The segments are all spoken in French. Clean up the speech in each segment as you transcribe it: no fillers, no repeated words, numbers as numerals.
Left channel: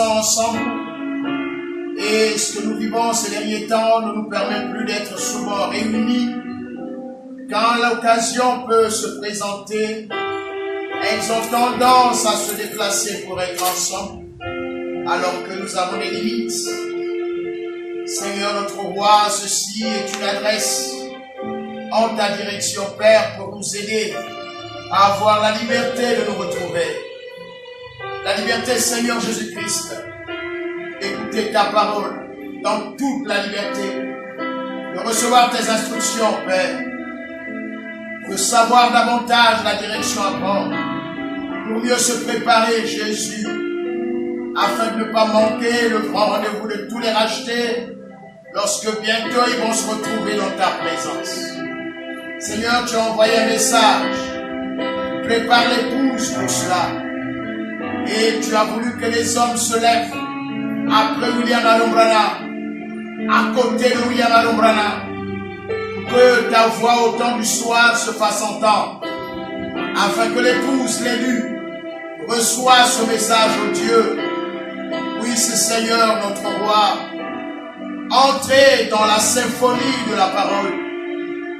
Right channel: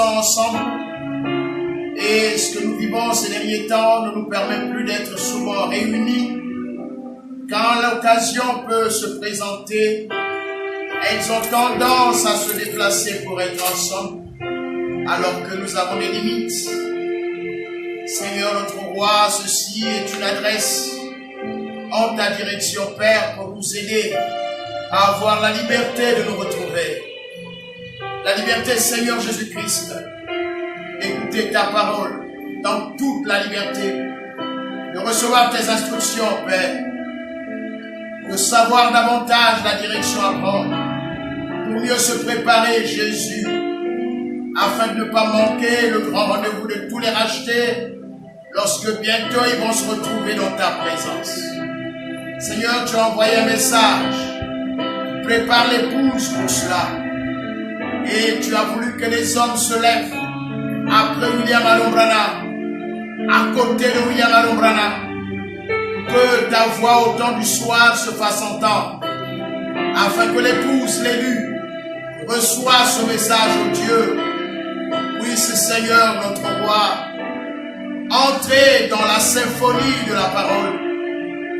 Ensemble, et ce que nous vivons ces derniers temps ne nous permet plus d'être souvent réunis. Quand l'occasion peut se présenter, elles ont tendance à se déplacer pour être ensemble, alors que nous avons des limites. Seigneur notre roi, ceci est une adresse en ta direction, Père, pour nous aider à avoir la liberté de nous retrouver. La liberté, Seigneur Jésus-Christ, d'écouter ta parole dans toute la liberté, de recevoir tes instructions, Père, de savoir davantage la direction à prendre, pour mieux se préparer, Jésus, afin de ne pas manquer le grand rendez-vous de tous les rachetés, lorsque bientôt ils vont se retrouver dans ta présence. Seigneur, tu as envoyé un message, prépare l'épouse pour cela. Et tu as voulu que les hommes se lèvent après William Alombrana, à côté de William Alombrana, que ta voix au temps du soir se fasse entendre, afin que l'épouse, l'élu, reçoive ce message, oh Dieu. Oui, c'est Seigneur notre roi, entrer dans la symphonie de la parole,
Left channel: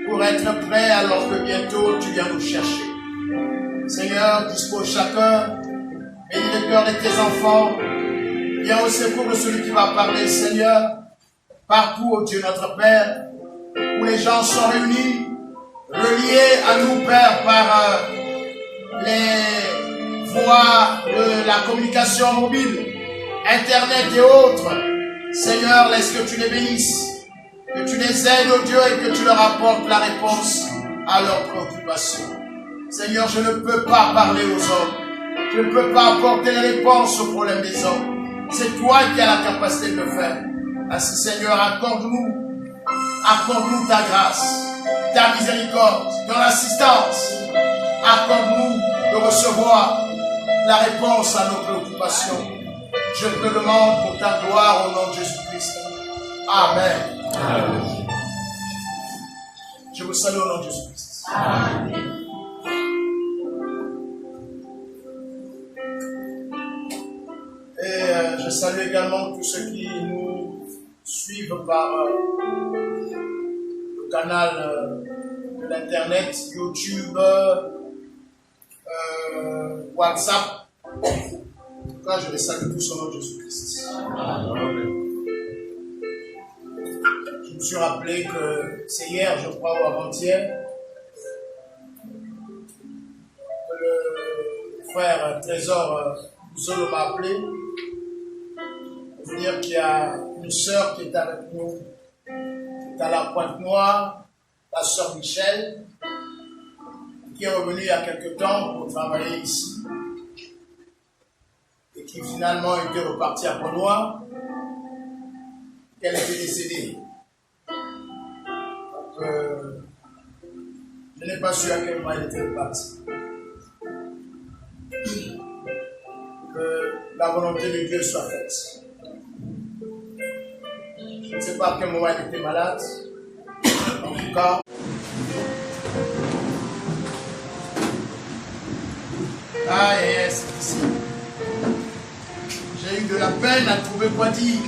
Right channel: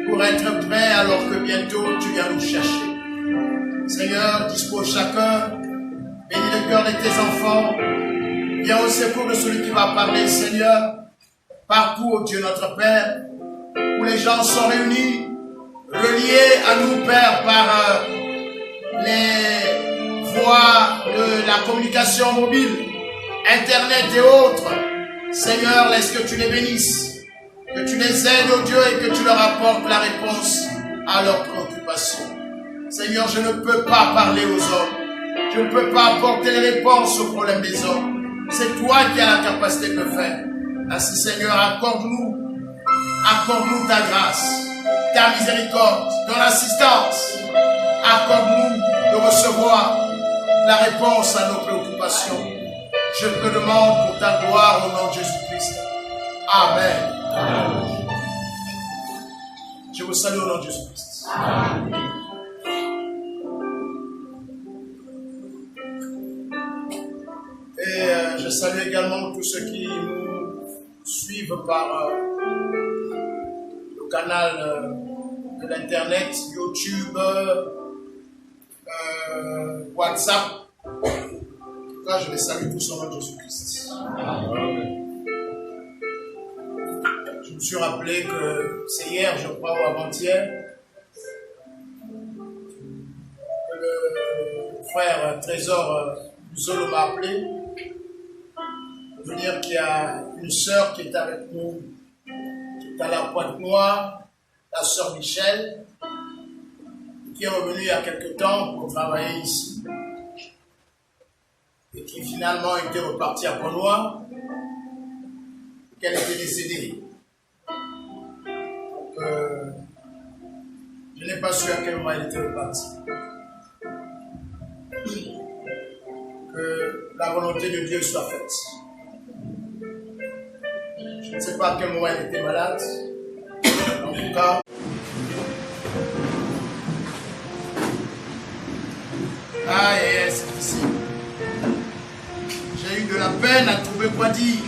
pour être prêt alors que bientôt tu viens nous chercher. Seigneur, dispose chacun. Bénis le cœur de tes enfants. Viens au secours de celui qui va parler, Seigneur. Partout, ô Dieu notre Père, où les gens sont réunis, reliés à nous, Père, par les voies de la communication mobile, Internet et autres. Seigneur, laisse que tu les bénisses, que tu les aides, ô Dieu, et que tu leur apportes la réponse à leurs préoccupations. Seigneur, je ne peux pas parler aux hommes. Je ne peux pas apporter les réponses aux problèmes des hommes. C'est toi qui as la capacité de le faire. Ainsi, Seigneur, accorde-nous ta grâce, ta miséricorde, ton assistance. Accorde-nous de recevoir la réponse à nos préoccupations. Je te le demande pour ta gloire au nom de Jésus-Christ. Amen. Amen. Je vous salue au nom de Jésus-Christ. Amen. Et je salue également tous ceux qui nous suivent par le canal de l'internet, YouTube, WhatsApp. En tout cas, je les salue tous au nom de Jésus-Christ. Je me suis rappelé que c'est hier, je crois, ou avant-hier, que le frère Trésor Zolo m'a appelé. Pour dire qu'il y a une sœur qui est avec nous, qui est à la Pointe-Noire, la sœur Michel, qui est revenu il y a quelque temps pour travailler ici et qui finalement était reparti à Pont-Noir, qu'elle était décédée. Donc, je n'ai pas su à quel moment elle était repartie. Que la volonté de Dieu soit faite. Je ne sais pas à quel moment elle était malade. En tout cas, c'est difficile. J'ai eu de la peine à trouver quoi dire.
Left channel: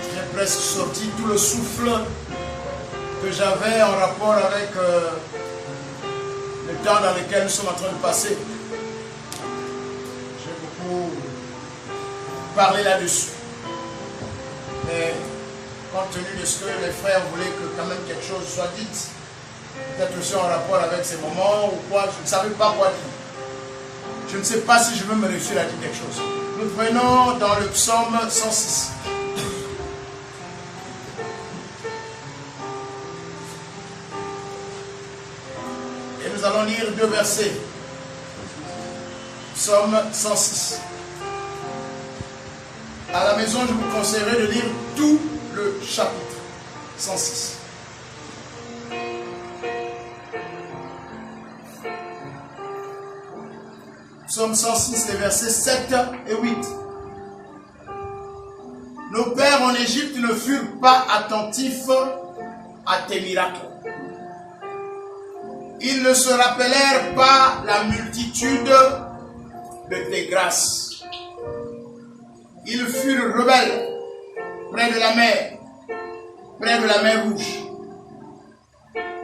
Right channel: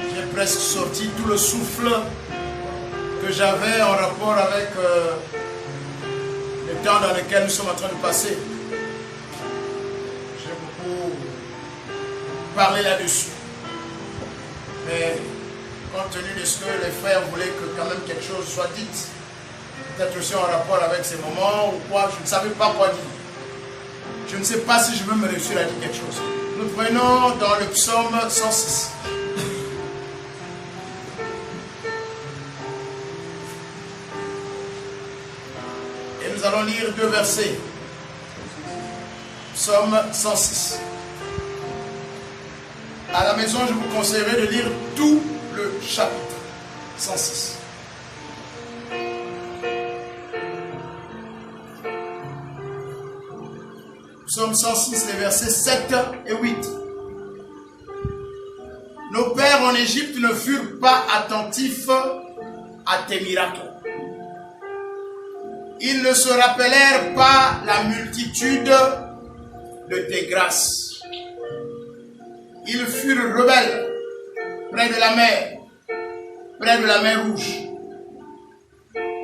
J'ai presque sorti tout le souffle que j'avais en rapport avec le temps dans lequel nous sommes en train de passer. J'ai beaucoup parlé là-dessus. Mais compte tenu de ce que les frères voulaient que quand même quelque chose soit dit, peut-être aussi en rapport avec ces moments ou quoi, je ne savais pas quoi dire. Je ne sais pas si je veux me réussir à dire quelque chose. Nous prenons dans le psaume 106. Et nous allons lire 2 versets. Psaume 106. À la maison, je vous conseillerais de lire tout le chapitre 106. Psaume 106, les versets 7 et 8. Nos pères en Égypte ne furent pas attentifs à tes miracles. Ils ne se rappelèrent pas la multitude de tes grâces. Ils furent rebelles près de la mer Rouge.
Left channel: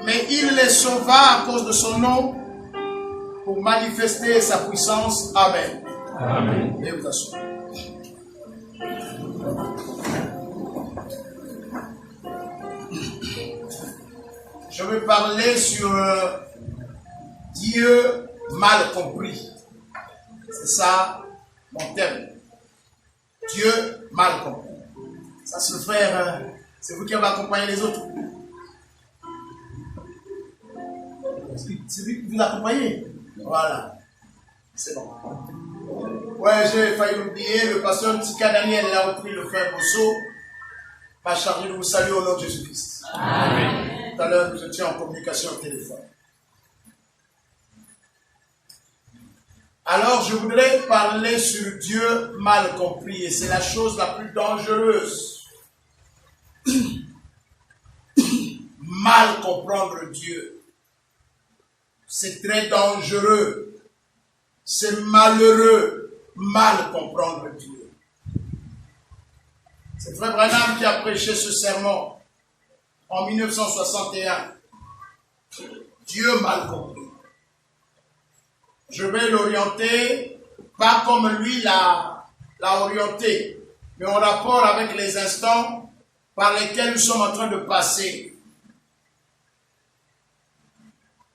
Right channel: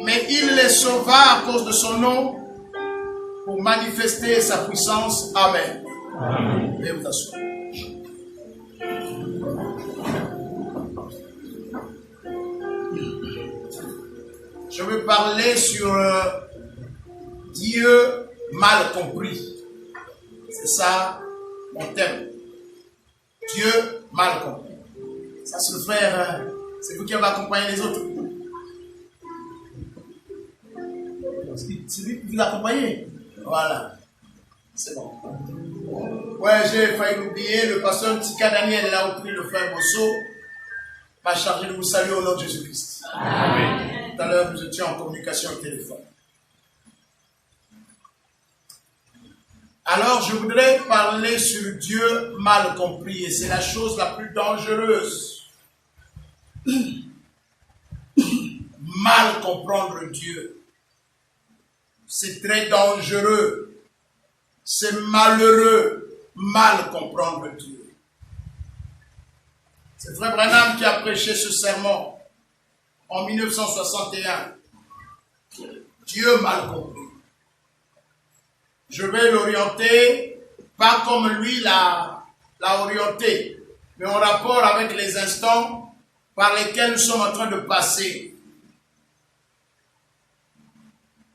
Mais il les sauva à cause de son nom pour manifester sa puissance. Amen. Amen. Veuillez vous asseoir. Je vais parler sur Dieu mal compris. C'est ça mon thème. Dieu mal compris. Ça, c'est le frère, c'est vous qui avez accompagné les autres. C'est lui qui vous accompagnez. Voilà. C'est bon. Ouais, j'ai failli l'oublier. Le pasteur Tika Daniel, là où pris le frère Bosso, m'a chargé de vous saluer au nom de Jésus-Christ. Amen. Tout à l'heure, nous étions en communication au téléphone. Alors, je voudrais parler sur Dieu mal compris. Et c'est la chose la plus dangereuse. Mal comprendre Dieu. C'est très dangereux. C'est malheureux. Mal comprendre Dieu. C'est Frère Branham qui a prêché ce sermon en 1961. Dieu mal compris. Je vais l'orienter, pas comme lui l'a orienté, mais en rapport avec les instants par lesquels nous sommes en train de passer.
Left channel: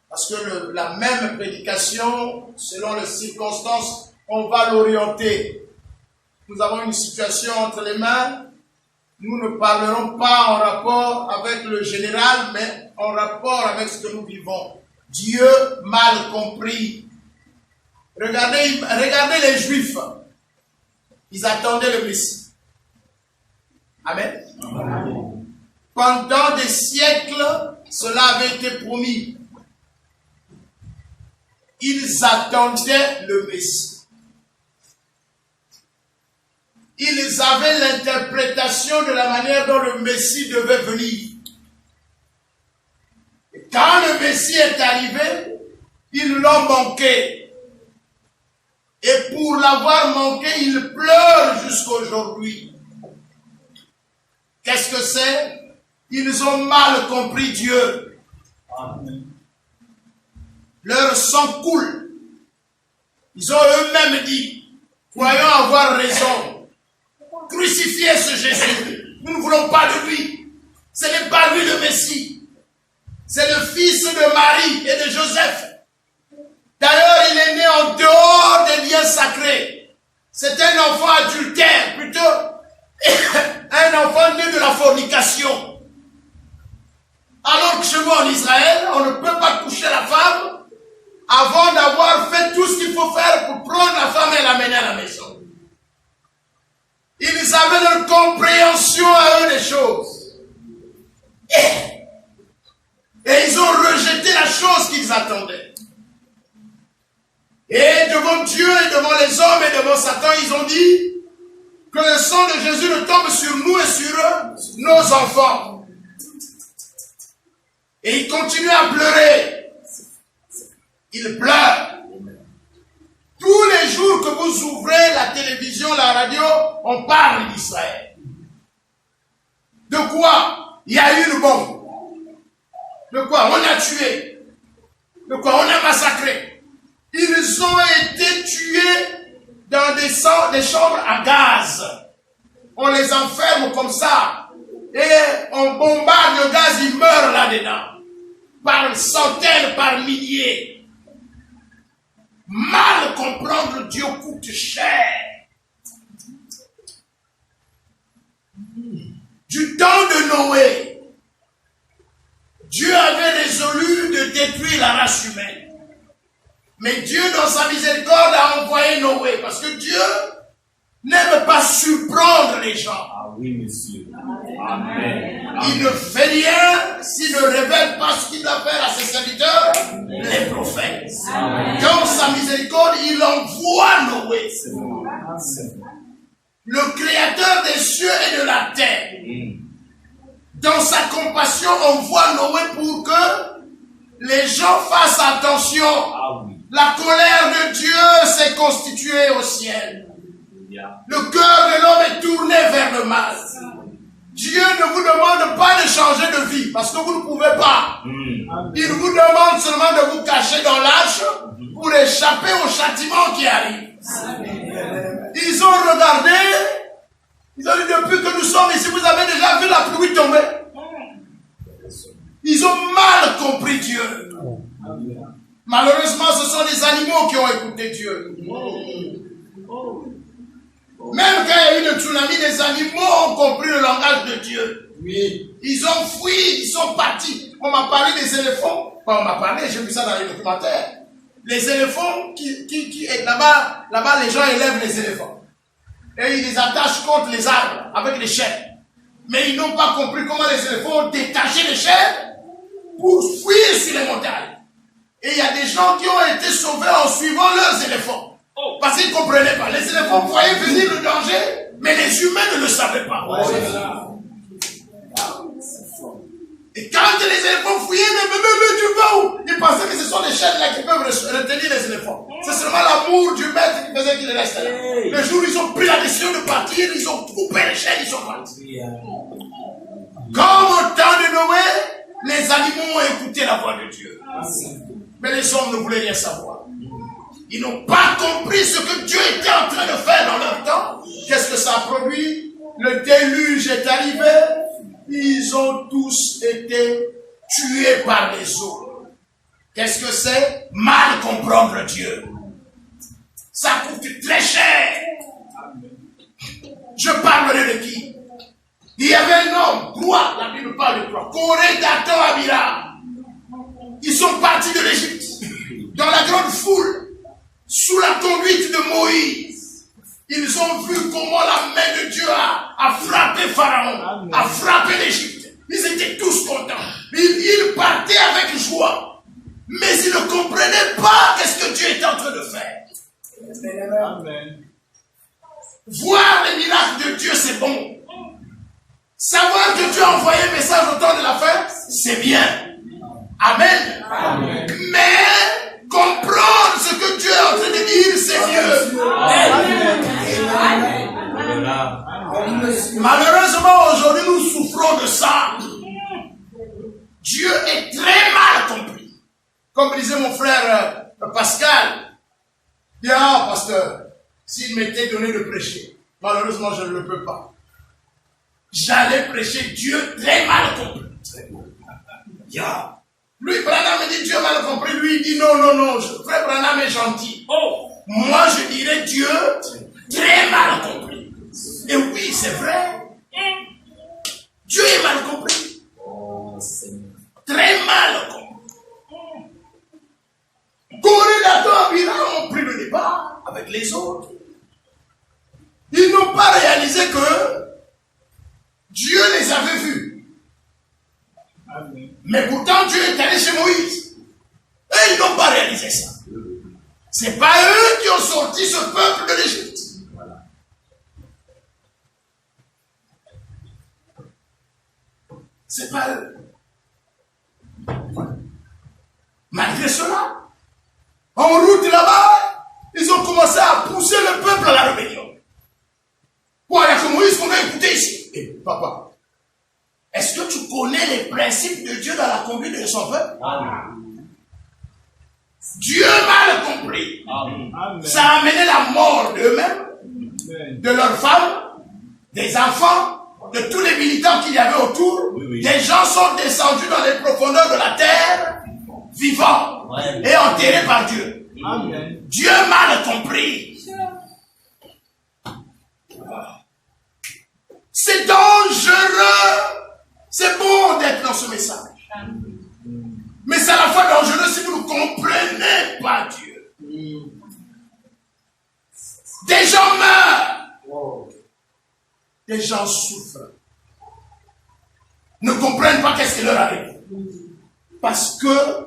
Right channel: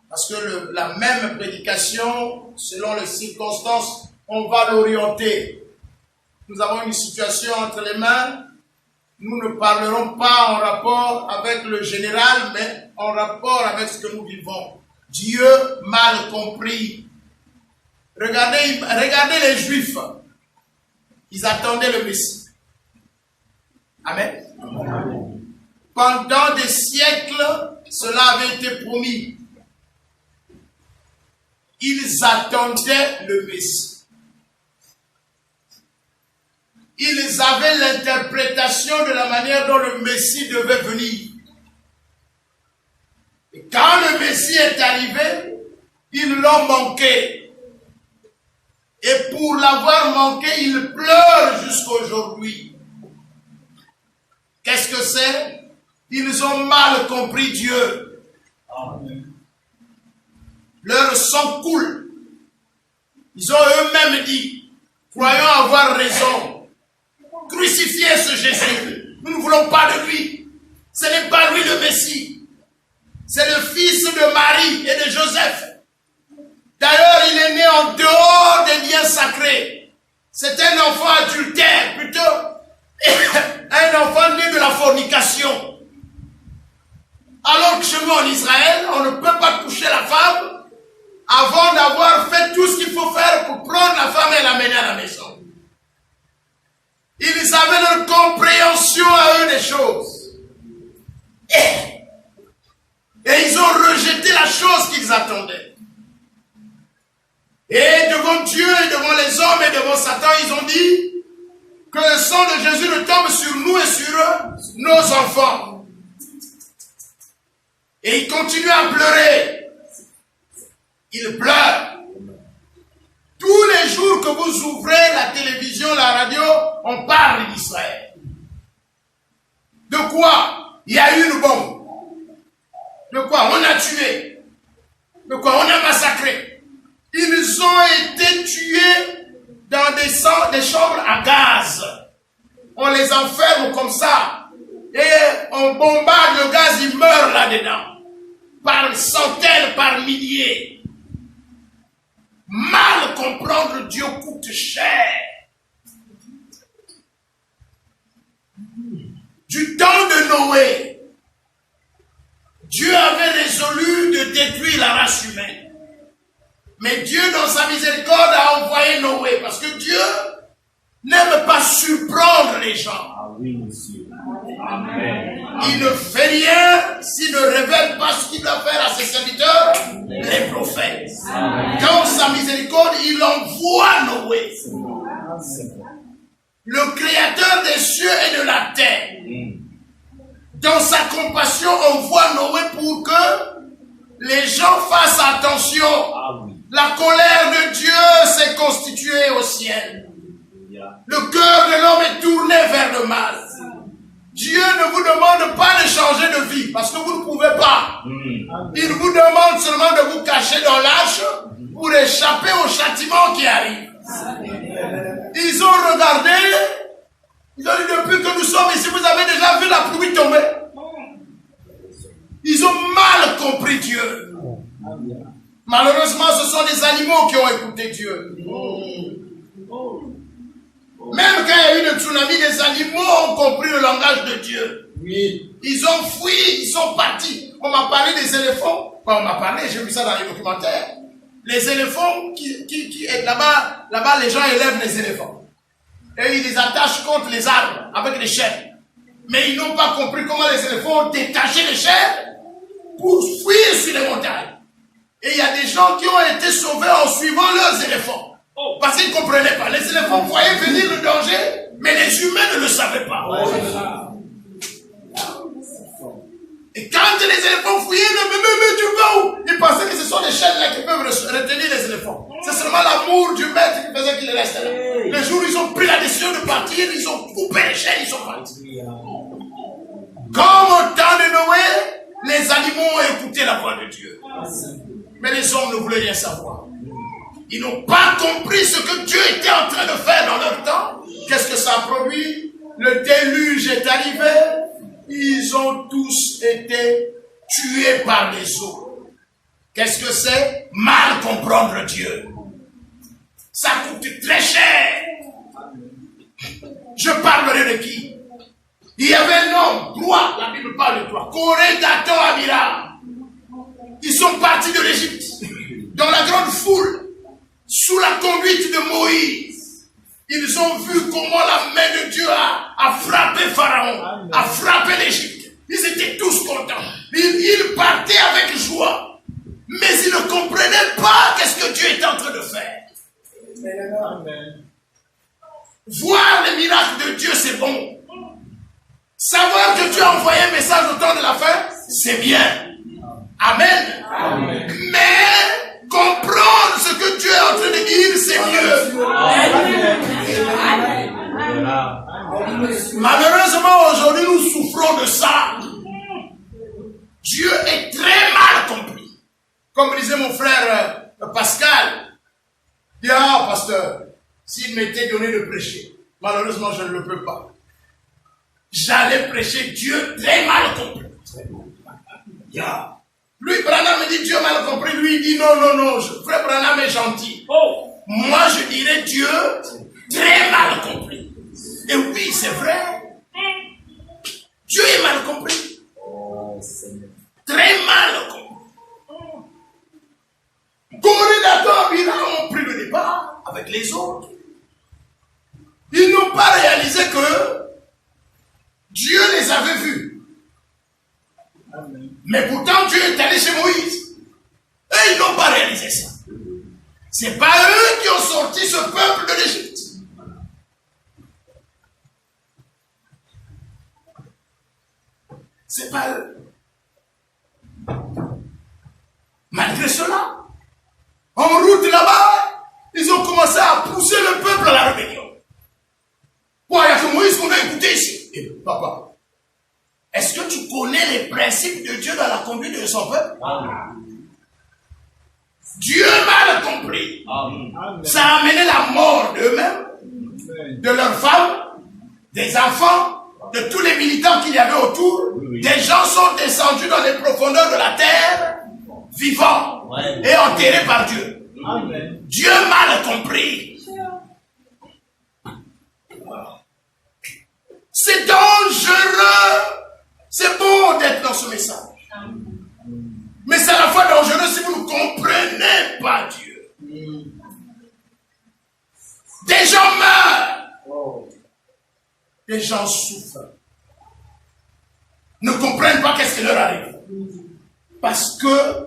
Parce que la même prédication, selon les circonstances, on va l'orienter. Nous avons une situation entre les mains. Nous ne parlerons pas en rapport avec le général, mais en rapport avec ce que nous vivons. Dieu mal compris. Regardez les Juifs. Ils attendaient le Messie. Amen. Amen. Pendant des siècles, cela avait été promis. Ils attendaient le Messie. Ils avaient l'interprétation de la manière dont le Messie devait venir. Et quand le Messie est arrivé, ils l'ont manqué. Et pour l'avoir manqué, ils pleurent jusqu'à aujourd'hui. Qu'est-ce que c'est? Ils ont mal compris Dieu. Amen. Leur sang coule. Ils ont eux-mêmes dit, croyons avoir raison. Crucifiez ce Jésus. Nous ne voulons pas de lui. Ce n'est pas lui le Messie. C'est le fils de Marie et de Joseph. D'ailleurs, il est né en dehors des liens sacrés. C'est un enfant adultère, plutôt Un enfant né de la fornication. Alors que chez nous en Israël, on ne peut pas toucher la femme avant d'avoir fait tout ce qu'il faut faire pour prendre la femme et l'amener à la maison. Ils avaient leur compréhension à eux des choses. Et ils ont rejeté la chose qu'ils attendaient. Et devant Dieu et devant les hommes et devant Satan, ils ont dit que le sang de Jésus ne tombe sur nous et sur nos enfants. Et ils continuent à pleurer. Ils pleurent. Tous les jours que vous ouvrez la télévision, la radio, on parle d'Israël. De quoi? Il y a eu une bombe. De quoi? On a tué. De quoi? On a massacré. Ils ont été tués dans des chambres à gaz. On les enferme comme ça. Et on bombarde le gaz, ils meurent là-dedans. Par centaines, par milliers. Mal comprendre Dieu coûte cher. Du temps de Noé, Dieu avait résolu de détruire la race humaine. Mais Dieu, dans sa miséricorde, a envoyé Noé. Parce que Dieu n'aime pas surprendre les gens. Ah oui, monsieur. Amen. Il ne fait rien s'il ne révèle pas ce qu'il doit faire à ses serviteurs, les prophètes. Amen. Dans sa miséricorde, il envoie Noé. Le créateur des cieux et de la terre. Dans sa compassion, on voit Noé pour que les gens fassent attention. Ah oui. La colère de Dieu s'est constituée au ciel. Le cœur de l'homme est tourné vers le mal. Dieu ne vous demande pas de changer de vie parce que vous ne pouvez pas. Il vous demande seulement de vous cacher dans l'âge pour échapper au châtiment qui arrive. Ils ont regardé, ils ont dit depuis que nous sommes ici, vous avez déjà vu la pluie tomber. Ils ont mal compris Dieu. Malheureusement, ce sont des animaux qui ont écouté Dieu. Même quand il y a eu le tsunami, les animaux ont compris le langage de Dieu. Oui. Ils ont fui, ils sont partis. On m'a parlé des éléphants. Enfin, on m'a parlé, j'ai vu ça dans les documentaires. Les éléphants qui là-bas, les gens élèvent les éléphants. Et ils les attachent contre les arbres avec les chaînes. Mais ils n'ont pas compris comment les éléphants ont détaché les chaînes pour fuir sur les montagnes. Et il y a des gens qui ont été sauvés en suivant leurs éléphants. Parce qu'ils ne comprenaient pas. Les éléphants voyaient venir le danger, mais les humains ne le savaient pas. Et quand les éléphants fouillaient, mais tu vas où? Ils pensaient que ce sont les chaînes là qui peuvent retenir les éléphants. C'est seulement l'amour du maître qui faisait qu'ils restent là. Le jour où ils ont pris la décision de partir, ils ont coupé les chaînes, ils sont partis. Comme au temps de Noé, les animaux ont écouté la voix de Dieu. Mais les hommes ne voulaient rien savoir. Ils n'ont pas compris ce que Dieu était en train de faire dans leur temps. Qu'est-ce que ça a produit? Le déluge est arrivé. Ils ont tous été tués par les eaux. Qu'est-ce que c'est? Mal comprendre Dieu. Ça coûte très cher. Je parlerai de qui? Il y avait un homme, droit, la Bible parle de droit, Corée, Dathan, Abiram. Ils sont partis de l'Égypte, dans la grande foule. Sous la conduite de Moïse, ils ont vu comment la main de Dieu a frappé Pharaon, a frappé l'Égypte. Ils étaient tous contents. Ils partaient avec joie. Mais ils ne comprenaient pas qu'est-ce que Dieu était en train de faire. Amen. Voir les miracles de Dieu, c'est bon. Savoir que Dieu a envoyé un message au temps de la fin, c'est bien. Amen. Amen. Mais comprendre ce que Dieu est en train de dire, c'est mieux. Malheureusement, aujourd'hui, nous souffrons de ça. Dieu est très mal compris. Comme disait mon frère Pascal, il dit, pasteur, s'il m'était donné de prêcher, malheureusement, je ne le peux pas. J'allais prêcher Dieu très mal compris. Lui, Branham me dit Dieu mal compris. Lui, il dit non. Frère Branham est gentil. Moi, je dirais Dieu très mal compris. Et oui, c'est vrai. Dieu est mal compris. Oh, Seigneur. Très mal compris. Corée, Bira ont pris le départ avec les autres. Ils n'ont pas réalisé que Dieu les avait vus. Amen. Mais pourtant, Dieu est allé chez Moïse. Et ils n'ont pas réalisé ça. C'est pas eux qui ont sorti ce peuple de l'Égypte. Voilà. C'est pas eux. Malgré cela, en route là-bas, ils ont commencé à pousser le peuple à la rébellion. Bon, il n'y a que Moïse qu'on a écouté ici. Et papa, est-ce que tu connais les principes de Dieu dans la conduite de son peuple? Amen. Dieu mal compris. Amen. Ça a amené la mort d'eux-mêmes, Amen. de leurs femmes, des enfants, de tous les militants qu'il y avait autour. Oui, oui. Des gens sont descendus dans les profondeurs de la terre, vivants Ouais. et enterrés par Dieu. Amen. Dieu mal compris. C'est dangereux. C'est bon d'être dans ce message. Mais c'est à la fois dangereux si vous ne comprenez pas Dieu. Des gens meurent. Des gens souffrent. Ne comprennent pas qu'est-ce qui leur arrive. Parce que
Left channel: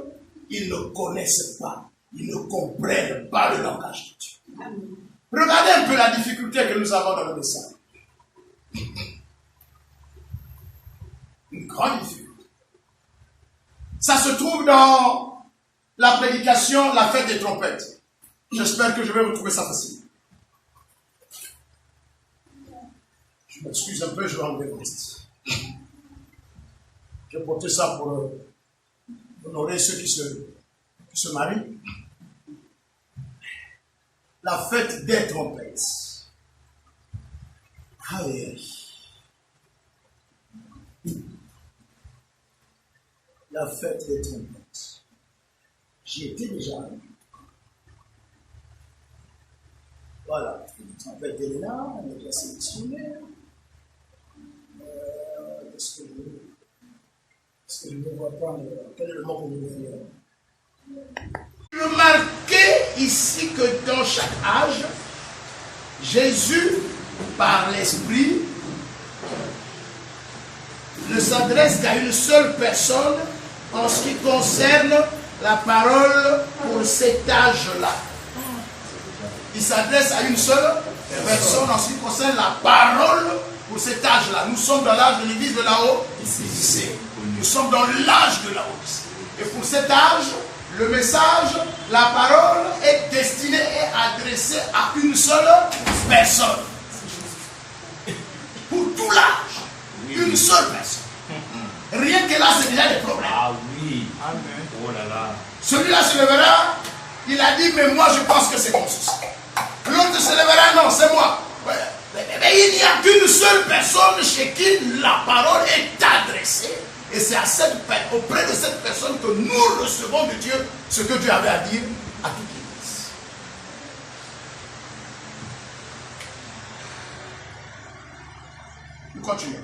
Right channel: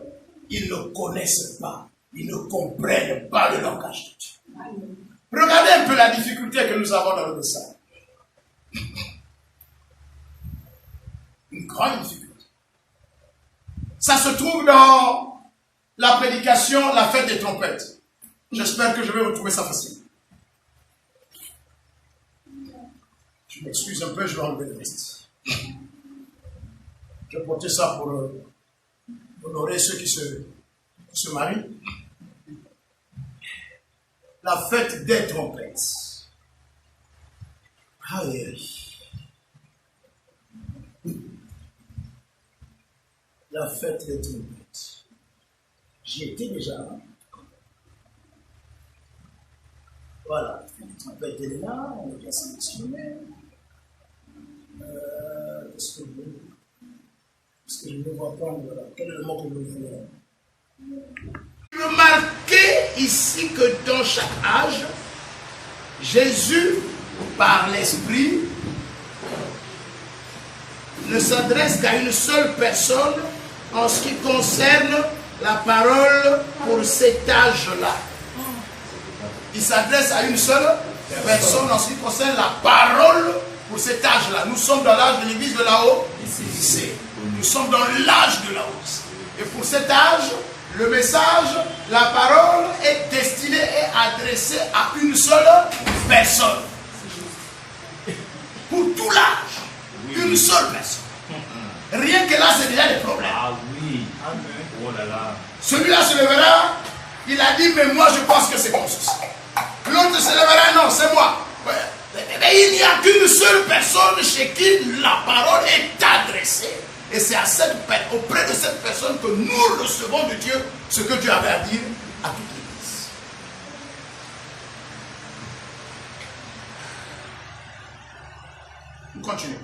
ils ne connaissent pas. Ils ne comprennent pas le langage de Dieu. Regardez un peu la difficulté que nous avons dans le message. Une grande difficulté. Ça se trouve dans la prédication, la fête des trompettes. J'espère que je vais vous trouver ça facile. Je m'excuse un peu, je vais enlever le reste. Je vais porter ça pour honorer ceux qui se marient. La fête des trompettes. Aïe, aïe. La fête des trompettes. J'y étais déjà. Voilà. La trompette est là, on a déjà sélectionné. Est-ce que je ne vois pas? Voilà. Quel est le mot que je veux dire? Remarquez ici que dans chaque âge, Jésus, par l'Esprit, ne s'adresse qu'à une seule personne en ce qui concerne la parole pour cet âge-là. Il s'adresse à une seule personne en ce qui concerne la parole pour cet âge-là. Nous sommes dans l'âge de l'église de Laodicée. Nous sommes dans l'âge de Laodicée. Et pour cet âge, le message, la parole est destinée et adressée à une seule personne. Pour tout l'âge, une seule personne. Rien que là, c'est déjà des problèmes. Ah oui. Amen. Oh là là. Celui-là se lèvera, il a dit, mais moi je pense que c'est mon souci. L'autre se lèvera, non, c'est moi. Ouais. Mais il n'y a qu'une seule personne chez qui la parole est adressée. Et c'est auprès de cette personne que nous recevons de Dieu ce que Dieu avait à dire à toute l'Église. Nous continuons.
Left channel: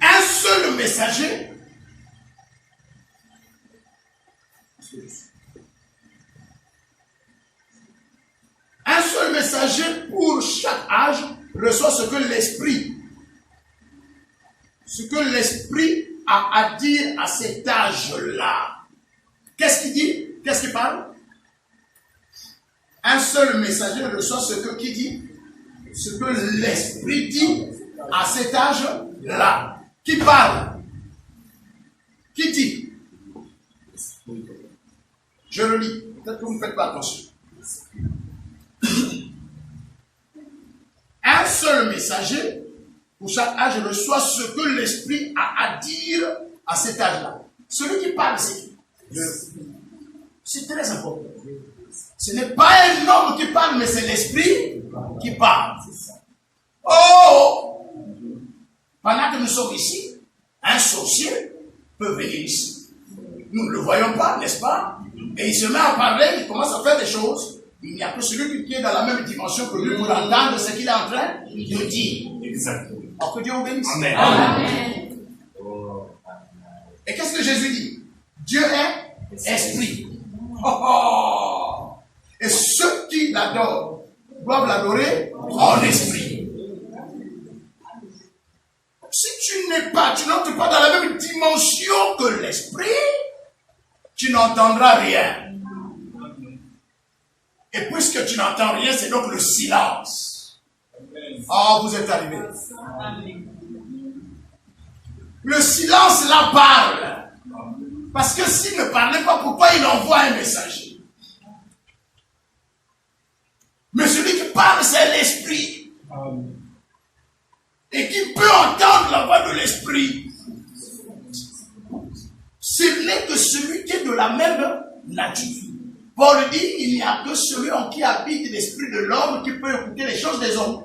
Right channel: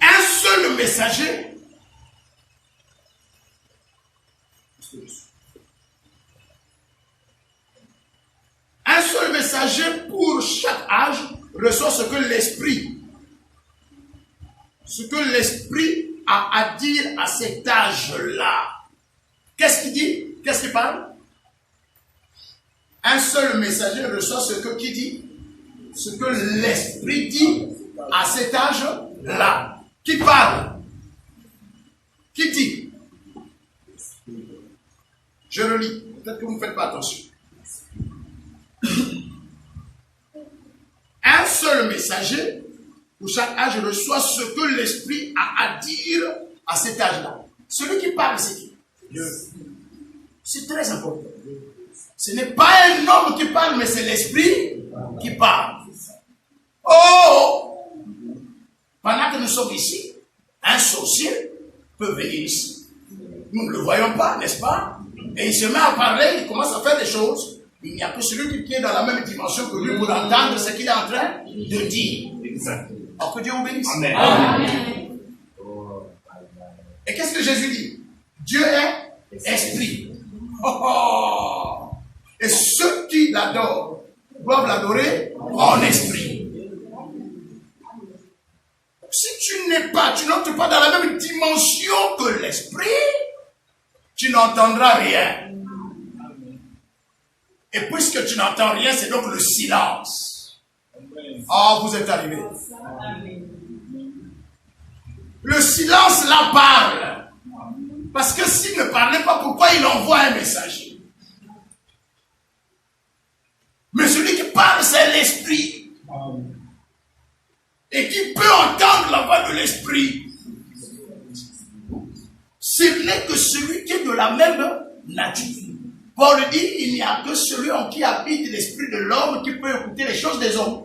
Un seul messager. Un seul messager pour chaque âge reçoit ce que l'Esprit a à dire à cet âge-là. Qu'est-ce qu'il dit? Qu'est-ce qu'il parle? Un seul messager reçoit ce que qui dit? Ce que l'Esprit dit à cet âge-là. Qui parle? Qui dit? Je le lis. Peut-être que vous ne faites pas attention. Un seul messager pour chaque âge reçoit ce que l'Esprit a à dire à cet âge-là. Celui qui parle, c'est qui? Dieu. C'est très important. Ce n'est pas un homme qui parle, mais c'est l'Esprit qui parle. Oh! Pendant que nous sommes ici, un sorcier peut venir ici. Nous ne le voyons pas, n'est-ce pas? Et il se met à parler, il commence à faire des choses Il n'y a que celui qui est dans la même dimension que lui pour entendre ce qu'il est en train de dire. Exactement. Alors que Dieu vous bénisse. Amen. Amen. Et qu'est-ce que Jésus dit? Dieu est esprit. Oh, oh. Et ceux qui l'adorent doivent l'adorer en esprit. Si tu n'entres pas dans la même dimension que l'esprit, tu n'entendras rien. Et puisque tu n'entends rien, c'est donc le silence. Oh, vous êtes arrivés. Le silence là parle. Parce que s'il ne parlait pas, pourquoi il envoie un messager? Mais celui qui parle, c'est l'esprit. Et qui peut entendre la voix de l'esprit, ce n'est que celui qui est de la même nature. Paul dit, il n'y a que celui en qui habite l'esprit de l'homme qui peut écouter les choses des hommes.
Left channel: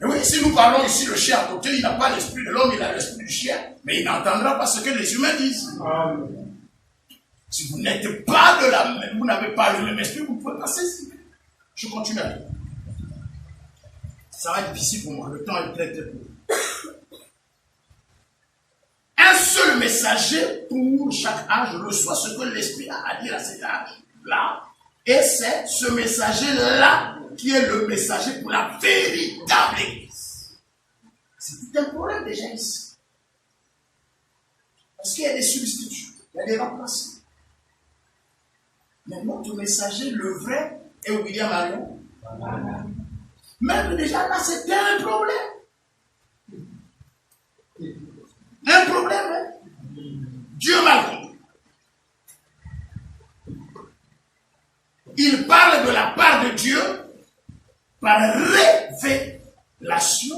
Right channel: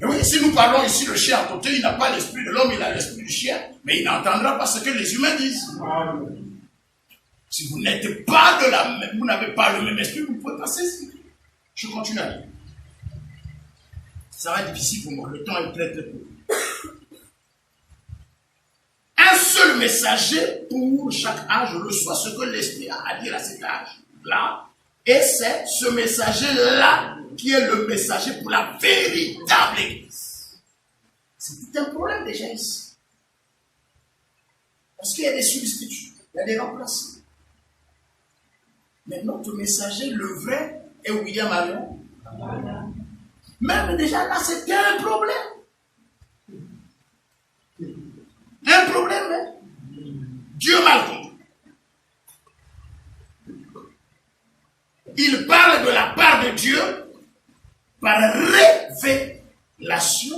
Et oui, si nous parlons ici, le chien à côté, il n'a pas l'esprit de l'homme, il a l'esprit du chien, mais il n'entendra pas ce que les humains disent. Si vous n'êtes pas de la même, vous n'avez pas le même esprit, vous pouvez passer ici. Je continue à lire. Ça va être difficile pour moi, le temps est très très court. Un seul messager pour chaque âge reçoit ce que l'esprit a à dire à cet âge-là. Et c'est ce messager-là qui est le messager pour la véritable église. C'est tout un problème déjà ici. Parce qu'il y a des substituts, il y a des remplaçants. Mais notre messager, le vrai, est William Marion. Même déjà là, c'était un problème. Un problème, hein? Dieu m'a compris. Il parle de la part de Dieu par révélation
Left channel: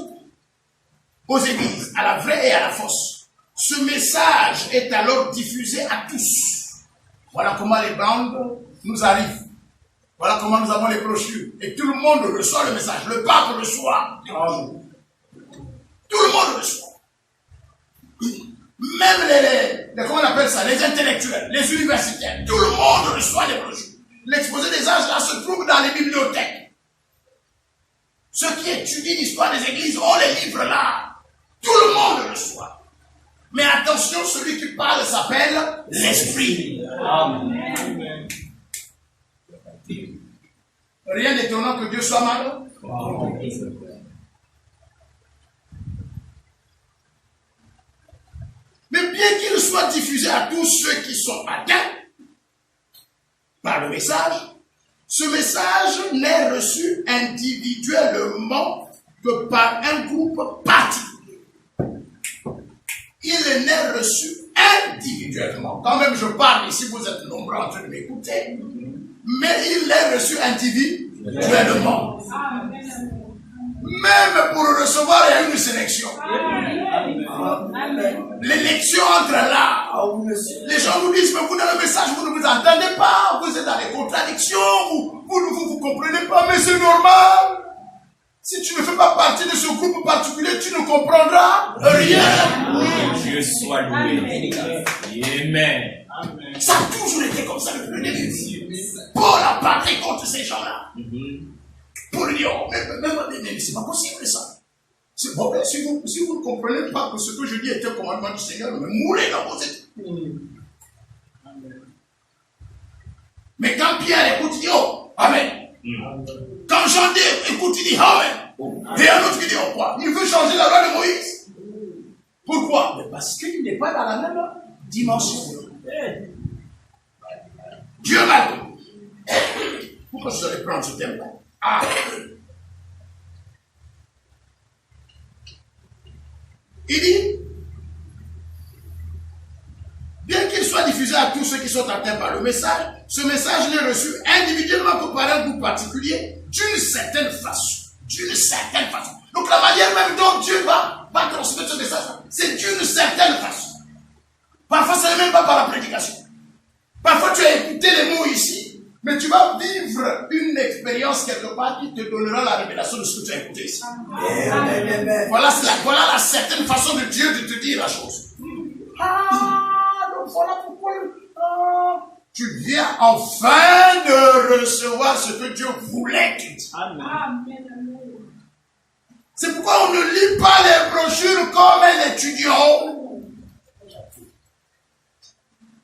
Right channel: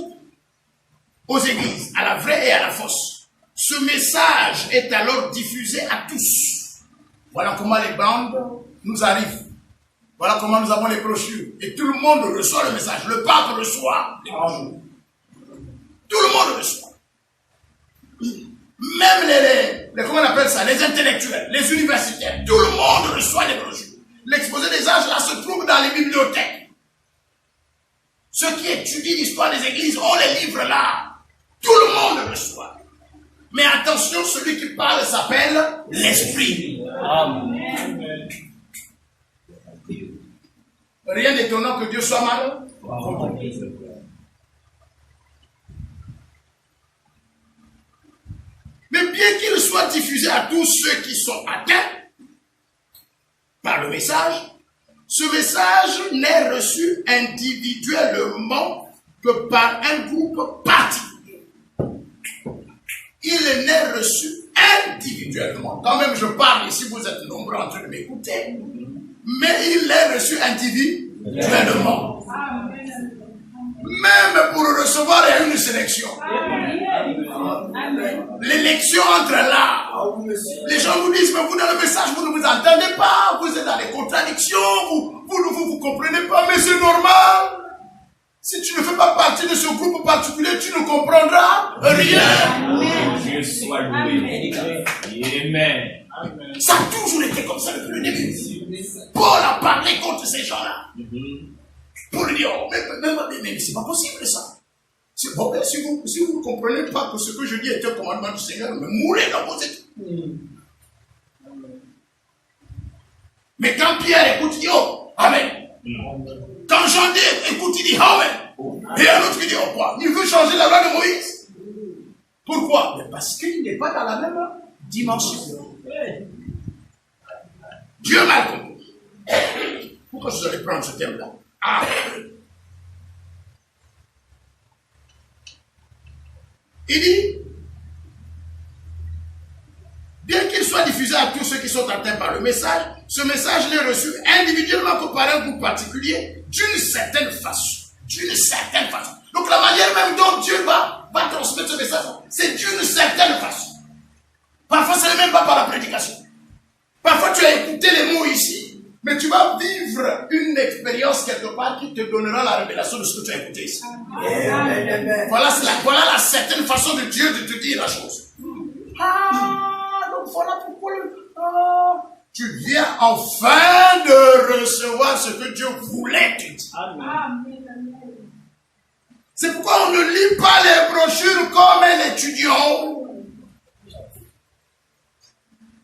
aux églises, à la vraie et à la fausse. Ce message est alors diffusé à tous. Voilà comment les bandes nous arrivent. Voilà comment nous avons les brochures. Et tout le monde reçoit le message. Le pape reçoit les brochures. Tout le monde reçoit. Même comment on appelle ça, les intellectuels, les universitaires, tout le monde reçoit les brochures. L'exposé des âges là se trouve dans les bibliothèques. Ceux qui étudient l'histoire des églises ont les livres là. Tout le monde reçoit. Mais attention, celui qui parle s'appelle l'Esprit. Amen. Rien d'étonnant que Dieu soit malin. Mais bien qu'il soit diffusé à tous ceux qui sont atteints par le message, ce message n'est reçu individuellement que par un groupe particulier. Il n'est reçu individuellement. Quand même, je parle ici, vous êtes nombreux en train de m'écouter, mais il est reçu individuellement. Même pour le recevoir, il y a une sélection. L'élection entre là. Les gens nous disent, mais vous dans le message, vous ne vous entendez pas, vous êtes dans les contradictions, vous comprenez pas, mais c'est normal. Si tu ne fais pas partie de ce groupe particulier, tu ne comprendras rien. Dieu soit loué. Amen. Ça a toujours été comme ça depuis le début. Paul a parlé contre ces gens-là. Pour lui dire, oh, mais c'est pas possible ça. C'est bon, si vous ne comprenez pas que ce que je dis est un commandement du Seigneur, me mourrez dans vos études. Mais quand Pierre écoute, il dit, oh, Amen. Quand Jean dit, écoute, il dit, Amen. Et un autre qui dit, oh, quoi? Il veut changer la loi de Moïse. Pourquoi? Mais parce qu'il n'est pas dans la même dimension. Dieu m'a compris. Pourquoi je devrais prendre ce thème-là? Ah. Il dit, bien qu'il soit diffusé à tous ceux qui sont atteints par le message, ce message n'est reçu individuellement que par un groupe particulier, d'une certaine façon. D'une certaine façon. Donc la manière même dont Dieu va transmettre ce message, c'est d'une certaine façon. Parfois, ce n'est même pas par la prédication. Parfois, tu as écouté les mots ici, mais tu vas vivre une expérience quelque part qui te donnera la révélation de ce que tu as écouté ici. Voilà la certaine façon de Dieu de te dire la chose. Ah, donc voilà pourquoi tu viens enfin de recevoir ce que Dieu voulait que tu dises. Amen. C'est pourquoi on ne lit pas les brochures comme un étudiant,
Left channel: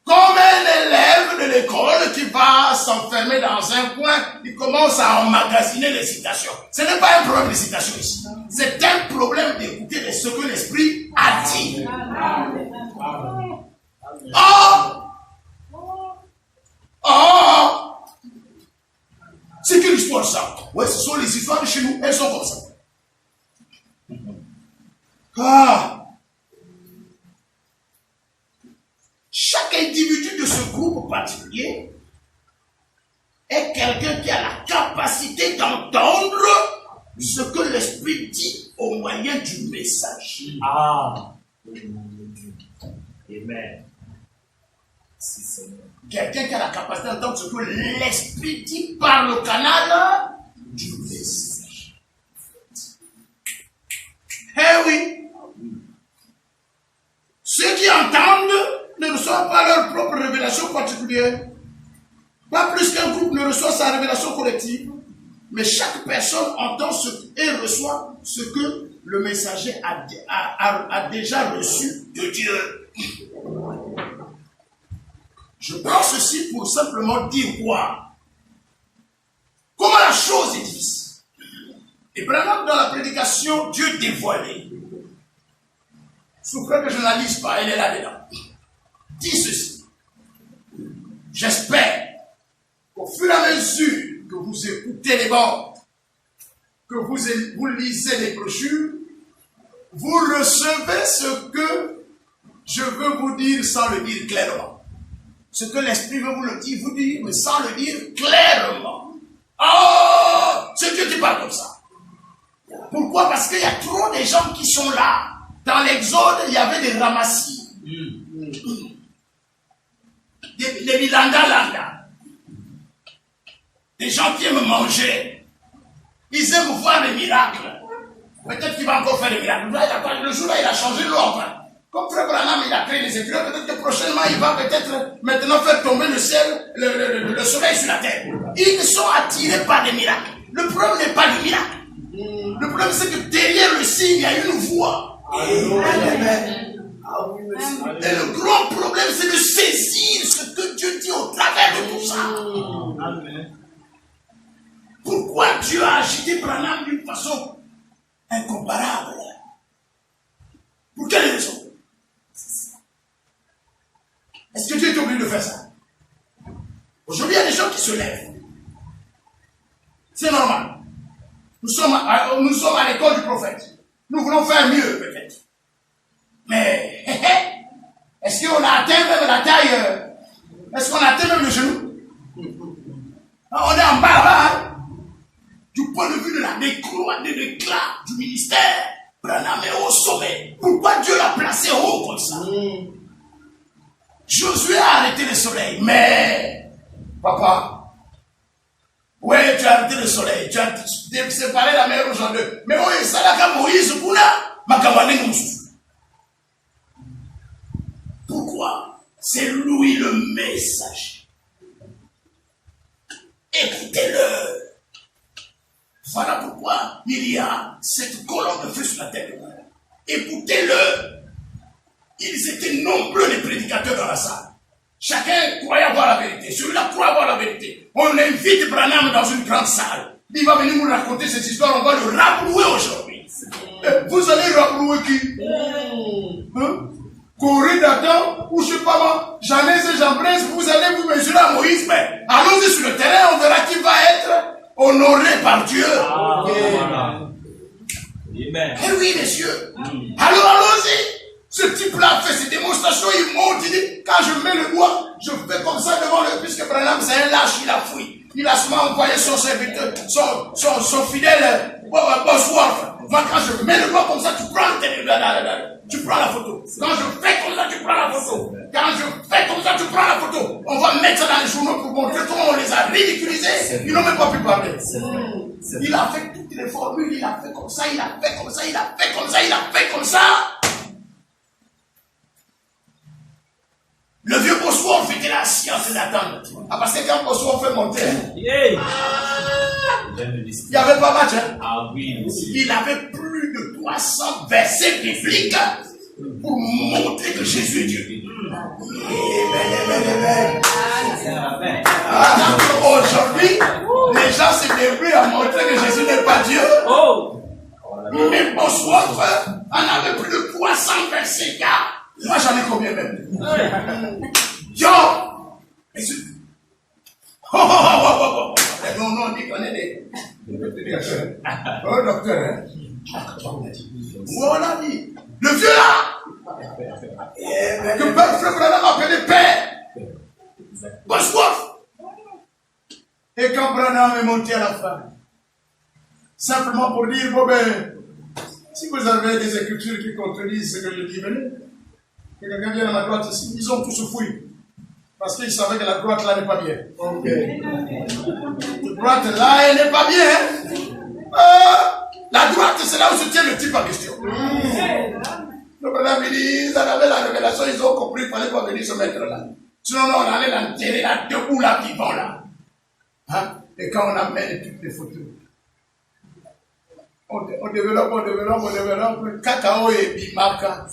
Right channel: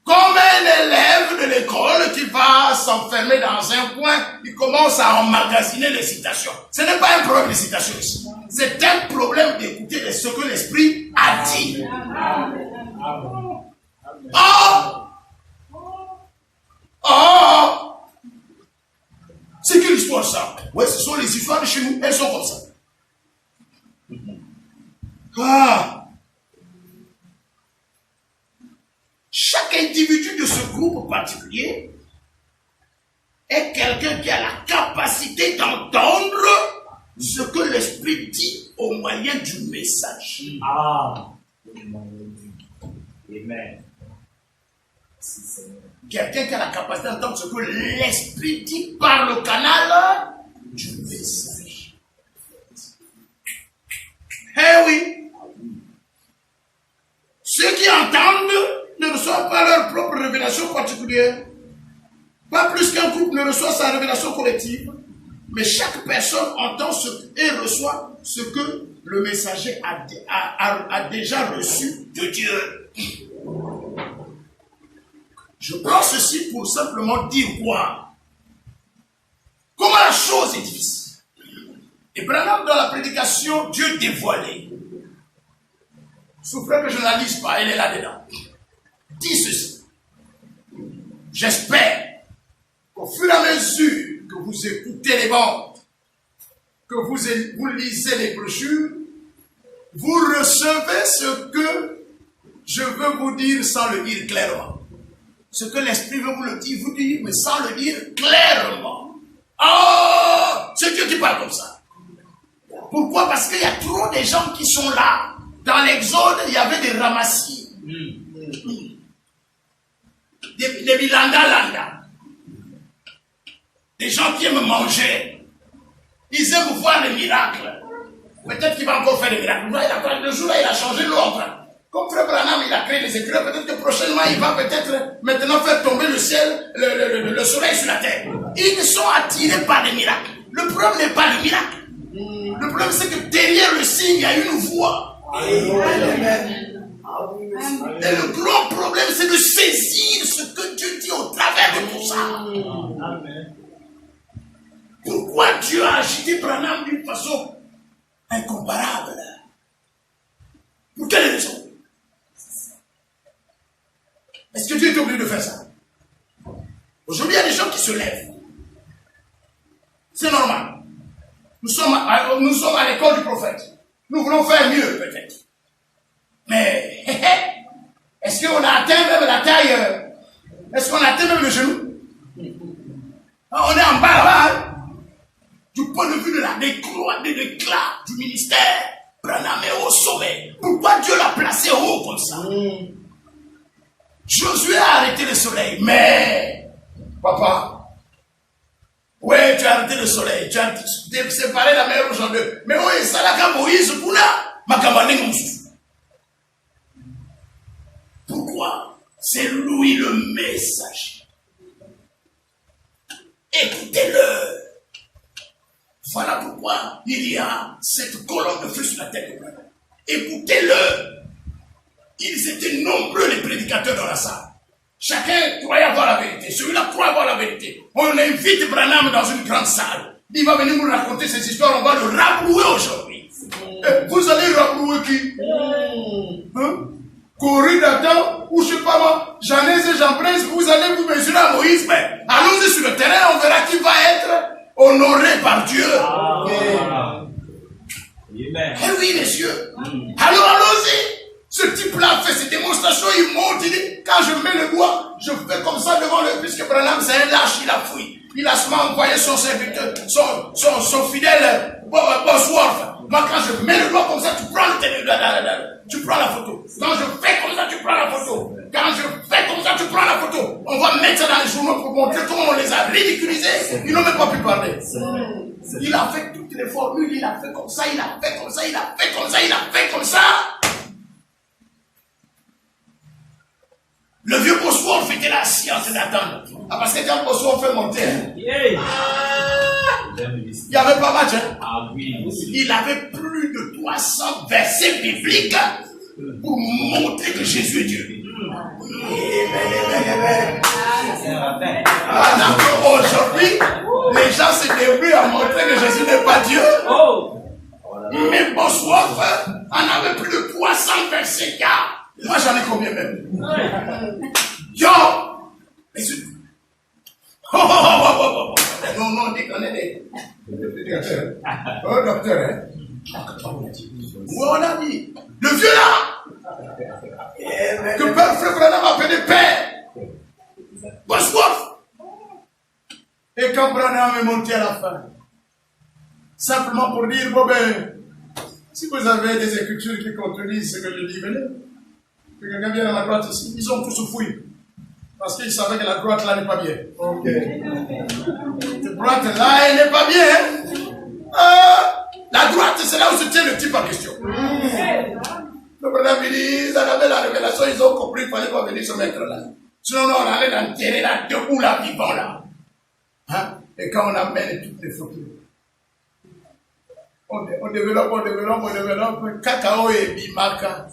comme un élève de l'école qui va s'enfermer dans un coin, il commence à emmagasiner les citations. Ce n'est pas un problème de citation ici. C'est un problème d'écouter ce que l'Esprit a dit. C'est quelle histoire ça? Oui, ce sont les histoires de chez nous, elles sont comme ça. Chaque individu de ce groupe particulier est quelqu'un qui a la capacité d'entendre ce que l'Esprit dit au moyen du message. Amen. Quelqu'un qui a la capacité d'entendre ce que l'Esprit dit par le canal du message. Eh oui. Ceux qui entendent ne reçoivent pas leur propre révélation particulière. Pas plus qu'un groupe ne reçoit sa révélation collective. Mais chaque personne entend et reçoit ce que le messager a déjà reçu de Dieu. Je prends ceci pour simplement dire quoi? Comment la chose est difficile. Et Branham, dans la prédication, Dieu dévoilé. Souffrez que je ne la lise pas, elle est là-dedans. Dit ceci. J'espère qu'au fur et à mesure que vous écoutez les bandes, que vous lisez les brochures, vous recevez ce que je veux vous dire sans le dire clairement. Ce que l'Esprit veut vous dire, mais sans le dire clairement. C'est Dieu qui parle comme ça. Pourquoi? Parce qu'il y a trop de gens qui sont là. Dans l'Exode, il y avait des ramassis. Des bilanda-landa. Des gens qui aiment manger. Ils aiment voir des miracles. Peut-être qu'il va encore faire des miracles. Le jour-là, il a changé l'ordre. Comme Frère Branham, il a créé des écureuils, peut-être que prochainement, il va peut-être maintenant faire tomber le ciel, le soleil sur la terre. Ils sont attirés par des miracles. Le problème n'est pas le miracle. Le problème, c'est que derrière le signe, il y a une voix. Et le grand problème, c'est de saisir ce que Dieu dit au travers de tout ça. Pourquoi Dieu a agité Branham d'une façon incomparable? Pour quelle raison? Est-ce que Dieu est obligé de faire ça? Aujourd'hui, il y a des gens qui se lèvent. C'est normal. Nous sommes à l'école du prophète. Nous voulons faire mieux, peut-être. Mais, est-ce qu'on a atteint même la taille? Est-ce qu'on a atteint même le genou? On est en bas là-bas. Du point de vue de l'éclat du ministère, Branham est au sommet. Pourquoi Dieu l'a placé haut comme ça? Josué a arrêté le soleil, mais, papa, ouais, tu as arrêté le soleil, tu as séparé la mer rouge en deux. Mais oui, ça l'a qu'à Moïse, pourquoi? C'est lui le messager. Écoutez-le. Voilà pourquoi il y a cette colonne de feu sur la tête de Branham. Écoutez-le. Ils étaient nombreux les prédicateurs dans la salle. Chacun croyait avoir la vérité. Celui-là croit avoir la vérité. On invite Branham dans une grande salle. Il va venir nous raconter ces histoires. On va le rabrouer aujourd'hui. Vous allez rabrouer qui? Corée d'Adam, ou je sais pas moi, Janès et Jean-Prince, vous allez vous mesurer à Moïse. Mais allons-y sur le terrain, on verra qui va être honoré par Dieu. Amen. Eh oui, messieurs. Alors allons-y. Ce type-là fait ses démonstrations, il monte, il dit, quand je mets le doigt, je fais comme ça devant le, puisque Branham c'est un lâche, il a fui. Il a seulement envoyé son serviteur, son fidèle, Bosworth. Moi, quand je mets le doigt comme ça, tu prends tu prends la photo. Quand je fais comme ça, tu prends la photo. Quand je fais comme ça, tu prends la photo. On va mettre ça dans les journaux pour montrer comment on les a ridiculisés. Ils n'ont même pas pu parler. Il a fait toutes les formules, il a fait comme ça, il a fait comme ça, il a fait comme ça, il a fait comme ça. Le vieux Bosworth Bosworth était là assis en train d'attendre. Ah, parce que quand Bosworth fait monter, il n'y avait pas match. Hein? Il avait plus de 300 versets bibliques pour montrer que Jésus est Dieu. Alors qu'aujourd'hui, les gens se débrouillent à montrer que Jésus n'est pas Dieu. Mais Bosworth en avait plus de 300 versets. Moi j'en ai combien même? Yo! Non, on dit qu'on est des... Oh, docteur, hein? Où on a dit? Le vieux là! Que Père Frère Branham appelait Père! Bosworth! Et quand Branham est monté à la fin, simplement pour dire, bon ben, si vous avez des écritures qui contredisent ce que je dis, venez. Que quelqu'un vienne à ma droite ici, ils ont tous fouillé. Parce qu'ils savaient que la droite là n'est pas bien. Ok. La droite là, elle n'est pas bien. La droite, c'est là où se tient le type en question. Le problème, il dit, ils avaient la révélation, ils ont compris, il fallait pas venir se mettre là. Sinon, on allait l'enterrer là, debout là, vivant là. Hein? Et quand on amène toutes les photos, on développe, cacao et bimaka.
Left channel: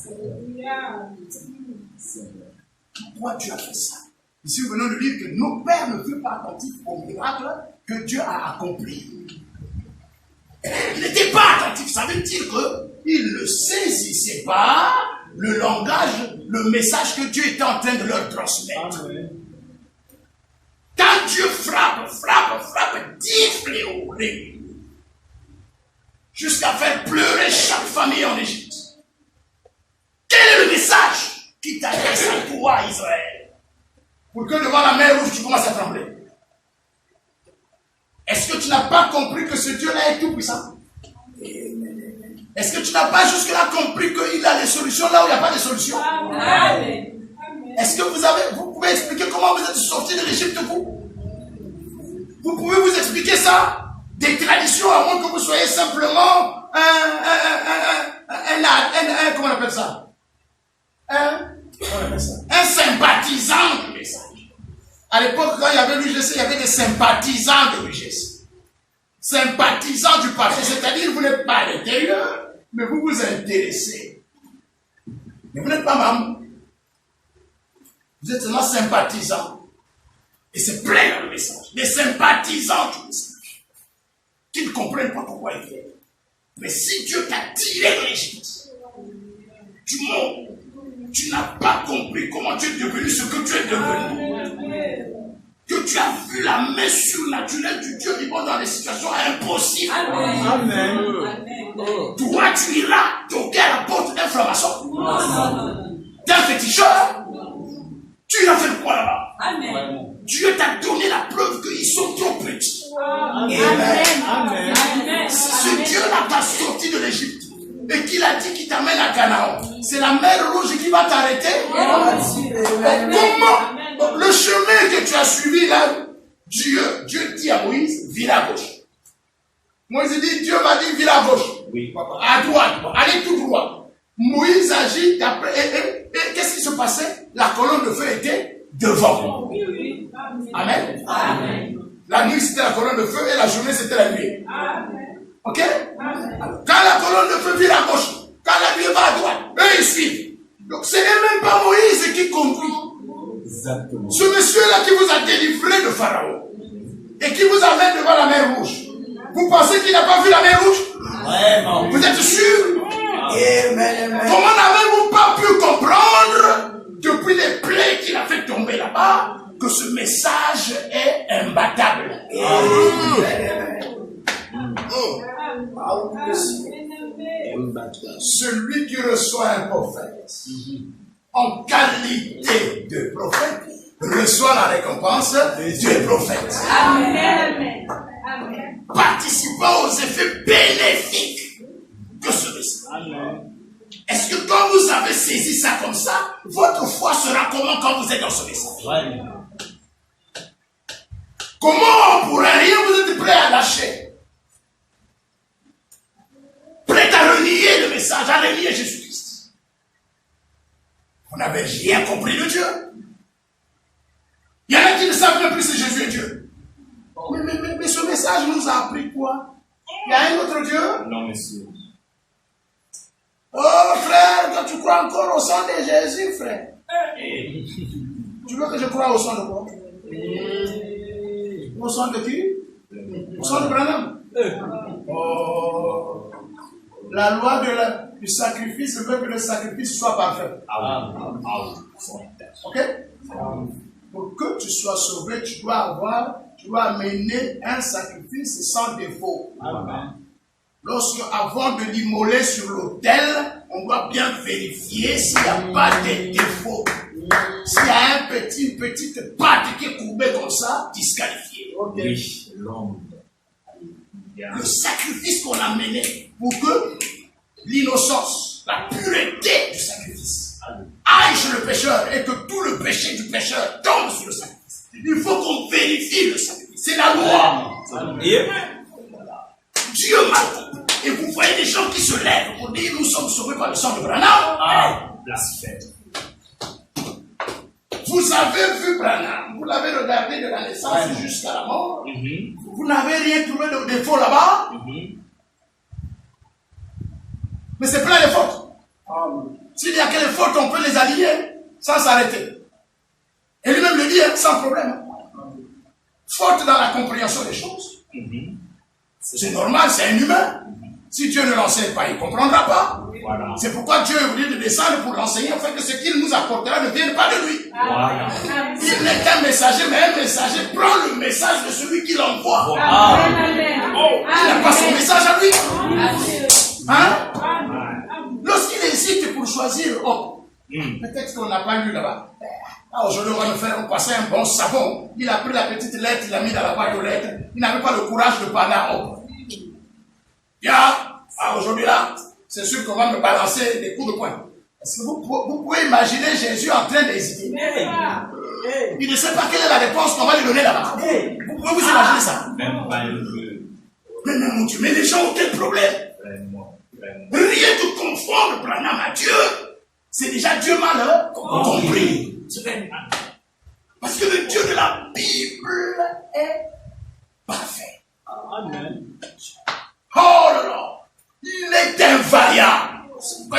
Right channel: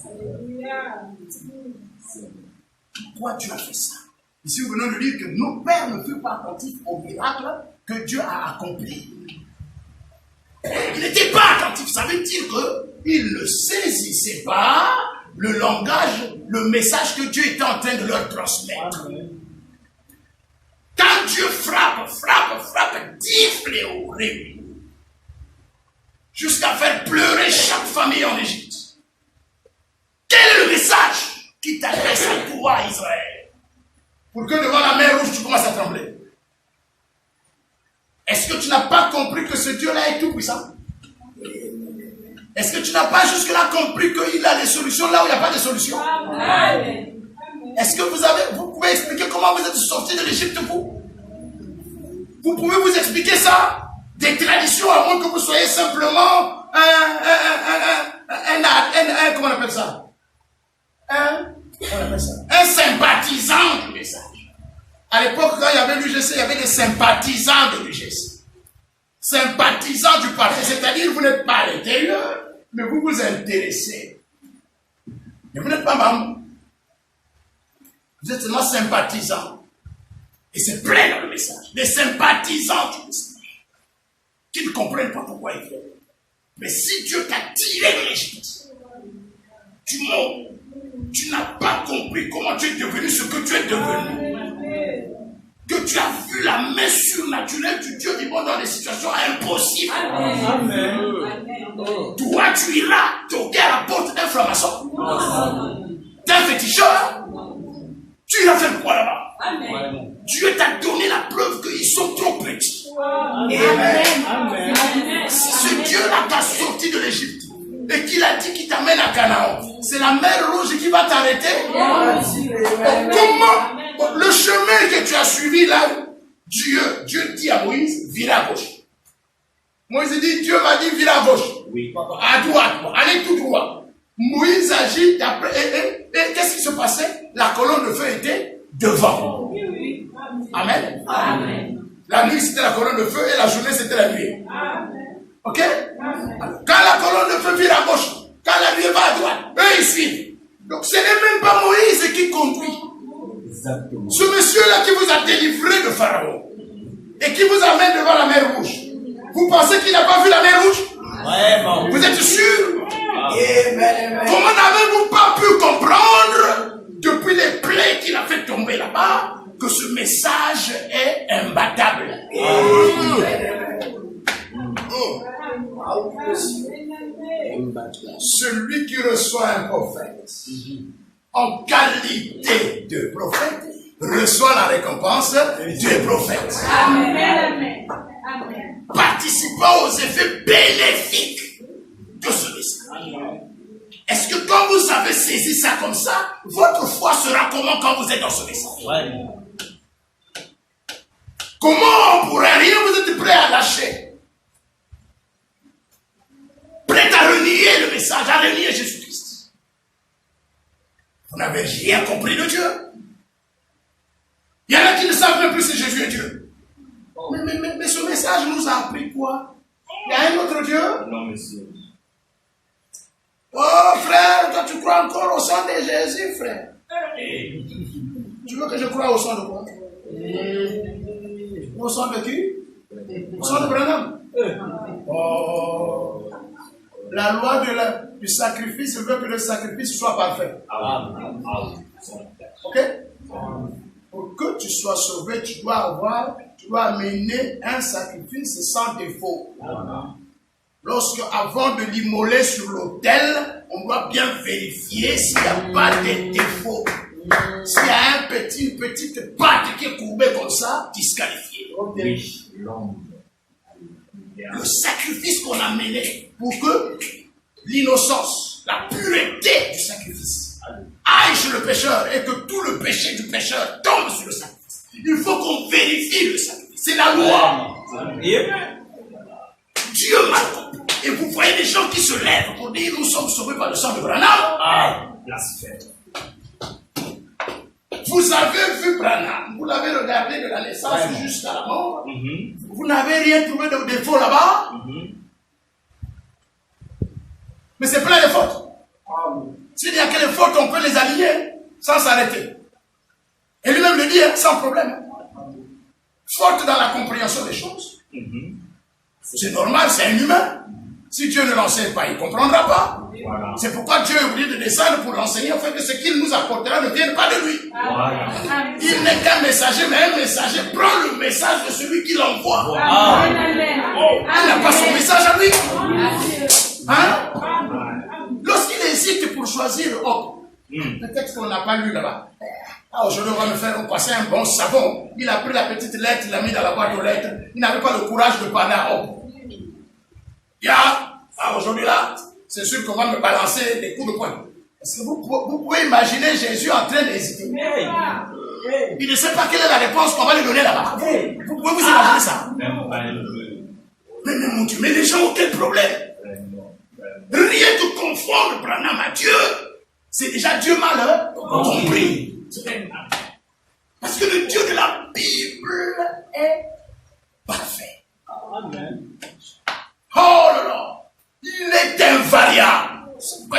Pourquoi tu as fait ça? Ici, nous venons de dire que nos pères ne furent pas attentifs au miracle que Dieu a accompli. Il n'était pas attentif, ça veut dire qu'il ne saisissait pas le langage, le message que Dieu était en train de leur transmettre. Quand Dieu frappe, 10 fléaux réunis, jusqu'à faire pleurer chaque famille en Égypte. Quel est le message qui t'adresse à toi, Israël? Pour que devant la mer rouge, tu commences à trembler. Est-ce que tu n'as pas compris que ce Dieu-là est tout puissant? Est-ce que tu n'as pas jusque-là compris qu'il a des solutions là où il n'y a pas de solution? Est-ce que vous pouvez expliquer comment vous êtes sortis de l'Égypte, vous? Vous pouvez vous expliquer ça? Des traditions, à moins que vous soyez simplement comment on appelle ça? Un sympathisant du message. À l'époque, quand il y avait l'UGC, il y avait des sympathisants de l'UGC. Sympathisants du parti, c'est-à-dire vous n'êtes pas à l'intérieur, mais vous vous intéressez. Mais vous n'êtes pas membre. Vous êtes seulement sympathisants. Et c'est plein dans le message. Des sympathisants du message. Qui ne comprennent pas pourquoi ils viennent. Mais si Dieu t'a tiré de l'Égypte, tu n'as pas compris comment tu es devenu ce que tu es devenu. Que tu as vu la main surnaturelle du Dieu vivant dans des situations impossibles. Amen. Toi, tu iras toquer à la porte d'un franc-maçon, d'un féticheur. Tu iras faire quoi là-bas? Amen. Dieu t'a donné la preuve qu'ils sont trop petits. Amen. Si ce Dieu-là t'a sorti de l'Égypte et qu'il a dit qu'il t'amène à Canaan, c'est la mer rouge qui va t'arrêter? Comment? Le chemin que tu as suivi là, Dieu dit à Moïse, vire à gauche. Moïse dit, Dieu m'a dit, vire à gauche. Oui. À droite, allez tout droit. Moïse agit d'après. Et qu'est-ce qui se passait? La colonne de feu était devant. Oui. Amen. Amen. La nuit c'était la colonne de feu et la journée c'était la nuit. Amen. Ok? Amen. Quand la colonne de feu vire à gauche, quand la nuit va à droite, eux ils suivent. Donc ce n'est même pas Moïse qui conduit. Exactement. Ce monsieur-là qui vous a délivré de Pharaon et qui vous amène devant la mer rouge, vous pensez qu'il n'a pas vu la mer rouge? Vraiment. Vous êtes sûr? Amen. Comment n'avez-vous pas pu comprendre depuis les plaies qu'il a fait tomber là-bas que ce message est imbattable? Celui qui reçoit un prophète en qualité de prophète reçoit la récompense du prophète. Amen. Participant aux effets bénéfiques de ce message. Est-ce que quand vous avez saisi ça comme ça, votre foi sera comment quand vous êtes dans ce message? Comment pour rien vous êtes prêt à lâcher? Prêt à renier le message, à renier Jésus-Christ? Vous n'avez rien compris de Dieu. monsieur. Oh frère, toi tu crois encore au sang de Jésus, frère? Tu veux que je croie au sang de quoi? Au sang de qui? Au sang de Branham. Oh, la loi du sacrifice veut que le sacrifice soit parfait. Ok? Pour que tu sois sauvé, tu dois amener un sacrifice sans défaut. Avant de l'immoler sur l'autel, on doit bien vérifier s'il n'y a pas de défaut. S'il y a une petite patte qui est courbée comme ça, disqualifié. Le sacrifice qu'on a mené pour que l'innocence, la pureté du sacrifice aille sur le pécheur et que tout le péché du pécheur tombe sur le sacrifice. Il faut qu'on vérifie le sacrifice. C'est la loi. Dieu m'a compris. Et vous voyez des gens qui se lèvent pour dire nous sommes sauvés par le sang de Branham. Blasphème. Vous avez vu Branham, vous l'avez regardé de la naissance jusqu'à la mort. Vous n'avez rien trouvé de défaut là-bas. Mais c'est plein de fautes. S'il y a que les fautes, on peut les aligner sans s'arrêter. Et lui-même le dit, sans problème. Faute dans la compréhension des choses. C'est normal, c'est un humain. Si Dieu ne l'enseigne pas, il ne comprendra pas. Voilà. C'est pourquoi Dieu est obligé de descendre pour l'enseigner, afin que ce qu'il nous apportera ne vienne pas de lui. Voilà. Il n'est qu'un messager, mais un messager prend le message de celui qui l'envoie. Il n'a pas son message à lui. Hein? Lorsqu'il hésite pour choisir, le texte qu'on n'a pas lu là-bas. Aujourd'hui, on va me passer un bon savon. Il a pris la petite lettre, il l'a mis dans la boîte aux lettres. Il n'avait pas le courage de parler à homme. Aujourd'hui là, c'est sûr qu'on va me balancer des coups de poing. Est-ce que vous pouvez imaginer Jésus en train d'hésiter? Il ne sait pas quelle est la réponse qu'on va lui donner là-bas. Vous pouvez vous imaginer ça? Mais mon Dieu, mais les gens ont quel problème? Rien que confondre Branham à Dieu, c'est déjà Dieu mal compris. Parce que le Dieu de la Bible est parfait. Amen. Oh là là, il est invariable.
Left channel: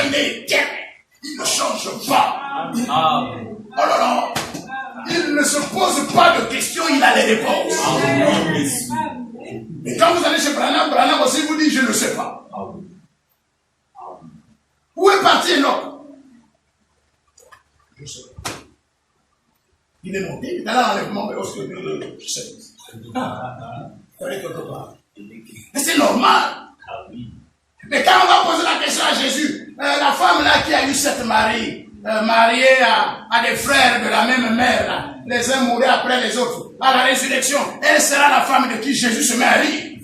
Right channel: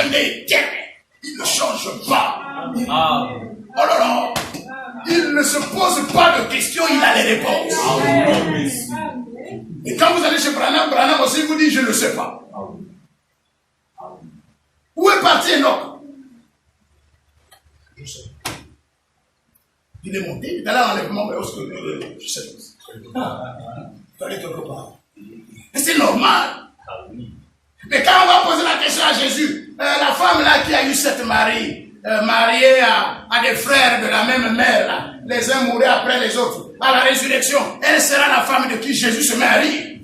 Il est éternel. Il ne change pas. Amen. Oh là là, il ne se pose pas de questions, il a les réponses. Amen. Et quand vous allez chez Branham, Branham aussi vous dit je ne sais pas. Où est parti Enoch? Je sais pas. Il est monté, il est allé à l'enlèvement, mais je sais pas. Il est quelque part. Mais c'est normal. Mais quand on va poser la question à Jésus, la femme là qui a eu cette Marie, mariée à des frères de la même mère, là, les uns mouraient après les autres, à la résurrection, elle sera la femme de qui Jésus se marie.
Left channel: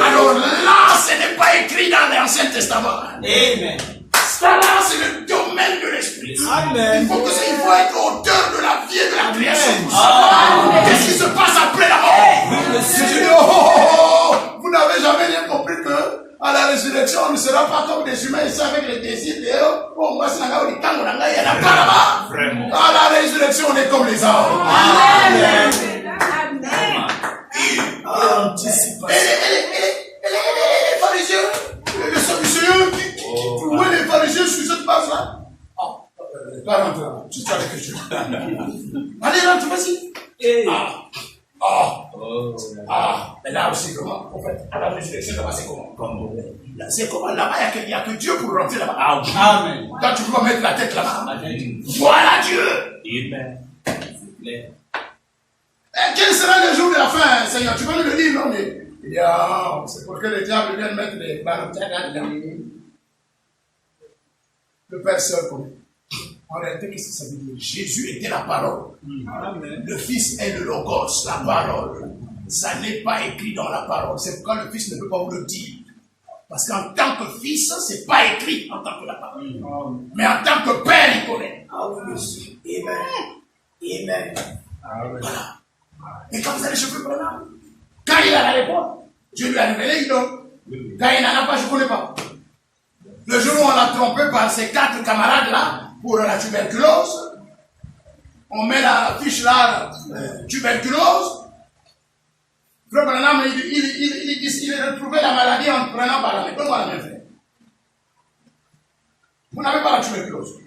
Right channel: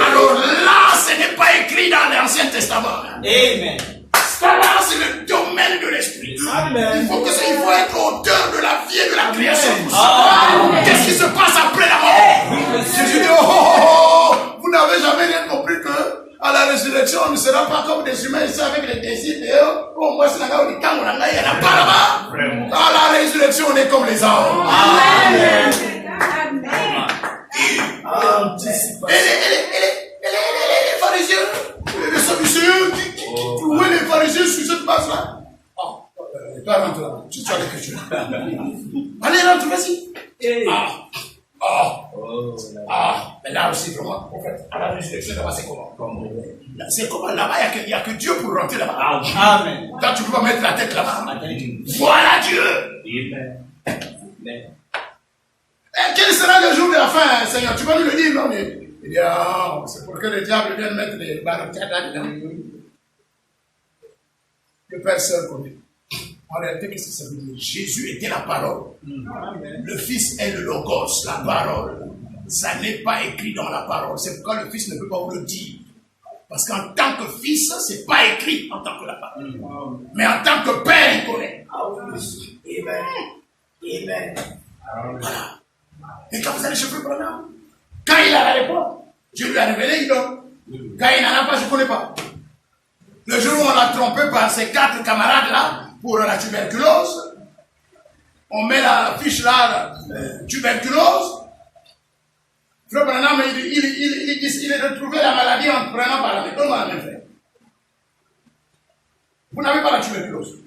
Alors là, ce n'est pas écrit dans l'Ancien Testament. Amen. Ça là, c'est le domaine de l'esprit. Il faut être auteur de la vie et de la création. Qu'est-ce qui se passe après la mort? Jésus dit, vous n'avez jamais rien compris que à la résurrection, on ne sera pas comme des humains ici avec les désirs de à la résurrection, on est comme les anges. Amen. Et les pharisiens, les sadducéens, où est les pharisiens sur cette base-là? Pas rentrer là, tu as l'écriture. Allez, rentre, vas-y. Mais là aussi, comment? En fait, à la résurrection, c'est comment? C'est comment? Là-bas, il n'y a que Dieu pour rentrer là-bas. Amen. Quand tu dois mettre la tête là-bas. Voilà Dieu. Amen. Quel sera le jour de la fin, Seigneur? Tu vas nous le dire, non? Mais c'est pour que le diable vienne mettre les barricades là-dedans. Le Père seul connaît. En réalité, qu'est-ce que ça veut dire? Jésus était la parole. Amen. Le Fils est le Logos, la parole. Ça n'est pas écrit dans la parole. C'est pourquoi le Fils ne peut pas vous le dire. Parce qu'en tant que Fils, ce n'est pas écrit en tant que la parole. Mais en tant que Père, il connaît. Amen. Amen. Voilà. Et quand vous allez chez Frère Branham, quand il a la réponse, Dieu lui a révélé, il donne. Quand il n'en a pas, je ne connais pas. Le jour où on l'a trompé par ses 4 camarades là, pour la tuberculose, on met la fiche là, tuberculose, Frère Branham, il a retrouvé la maladie en prenant par la main. Comment la main fait? Vous n'avez pas la tuberculose.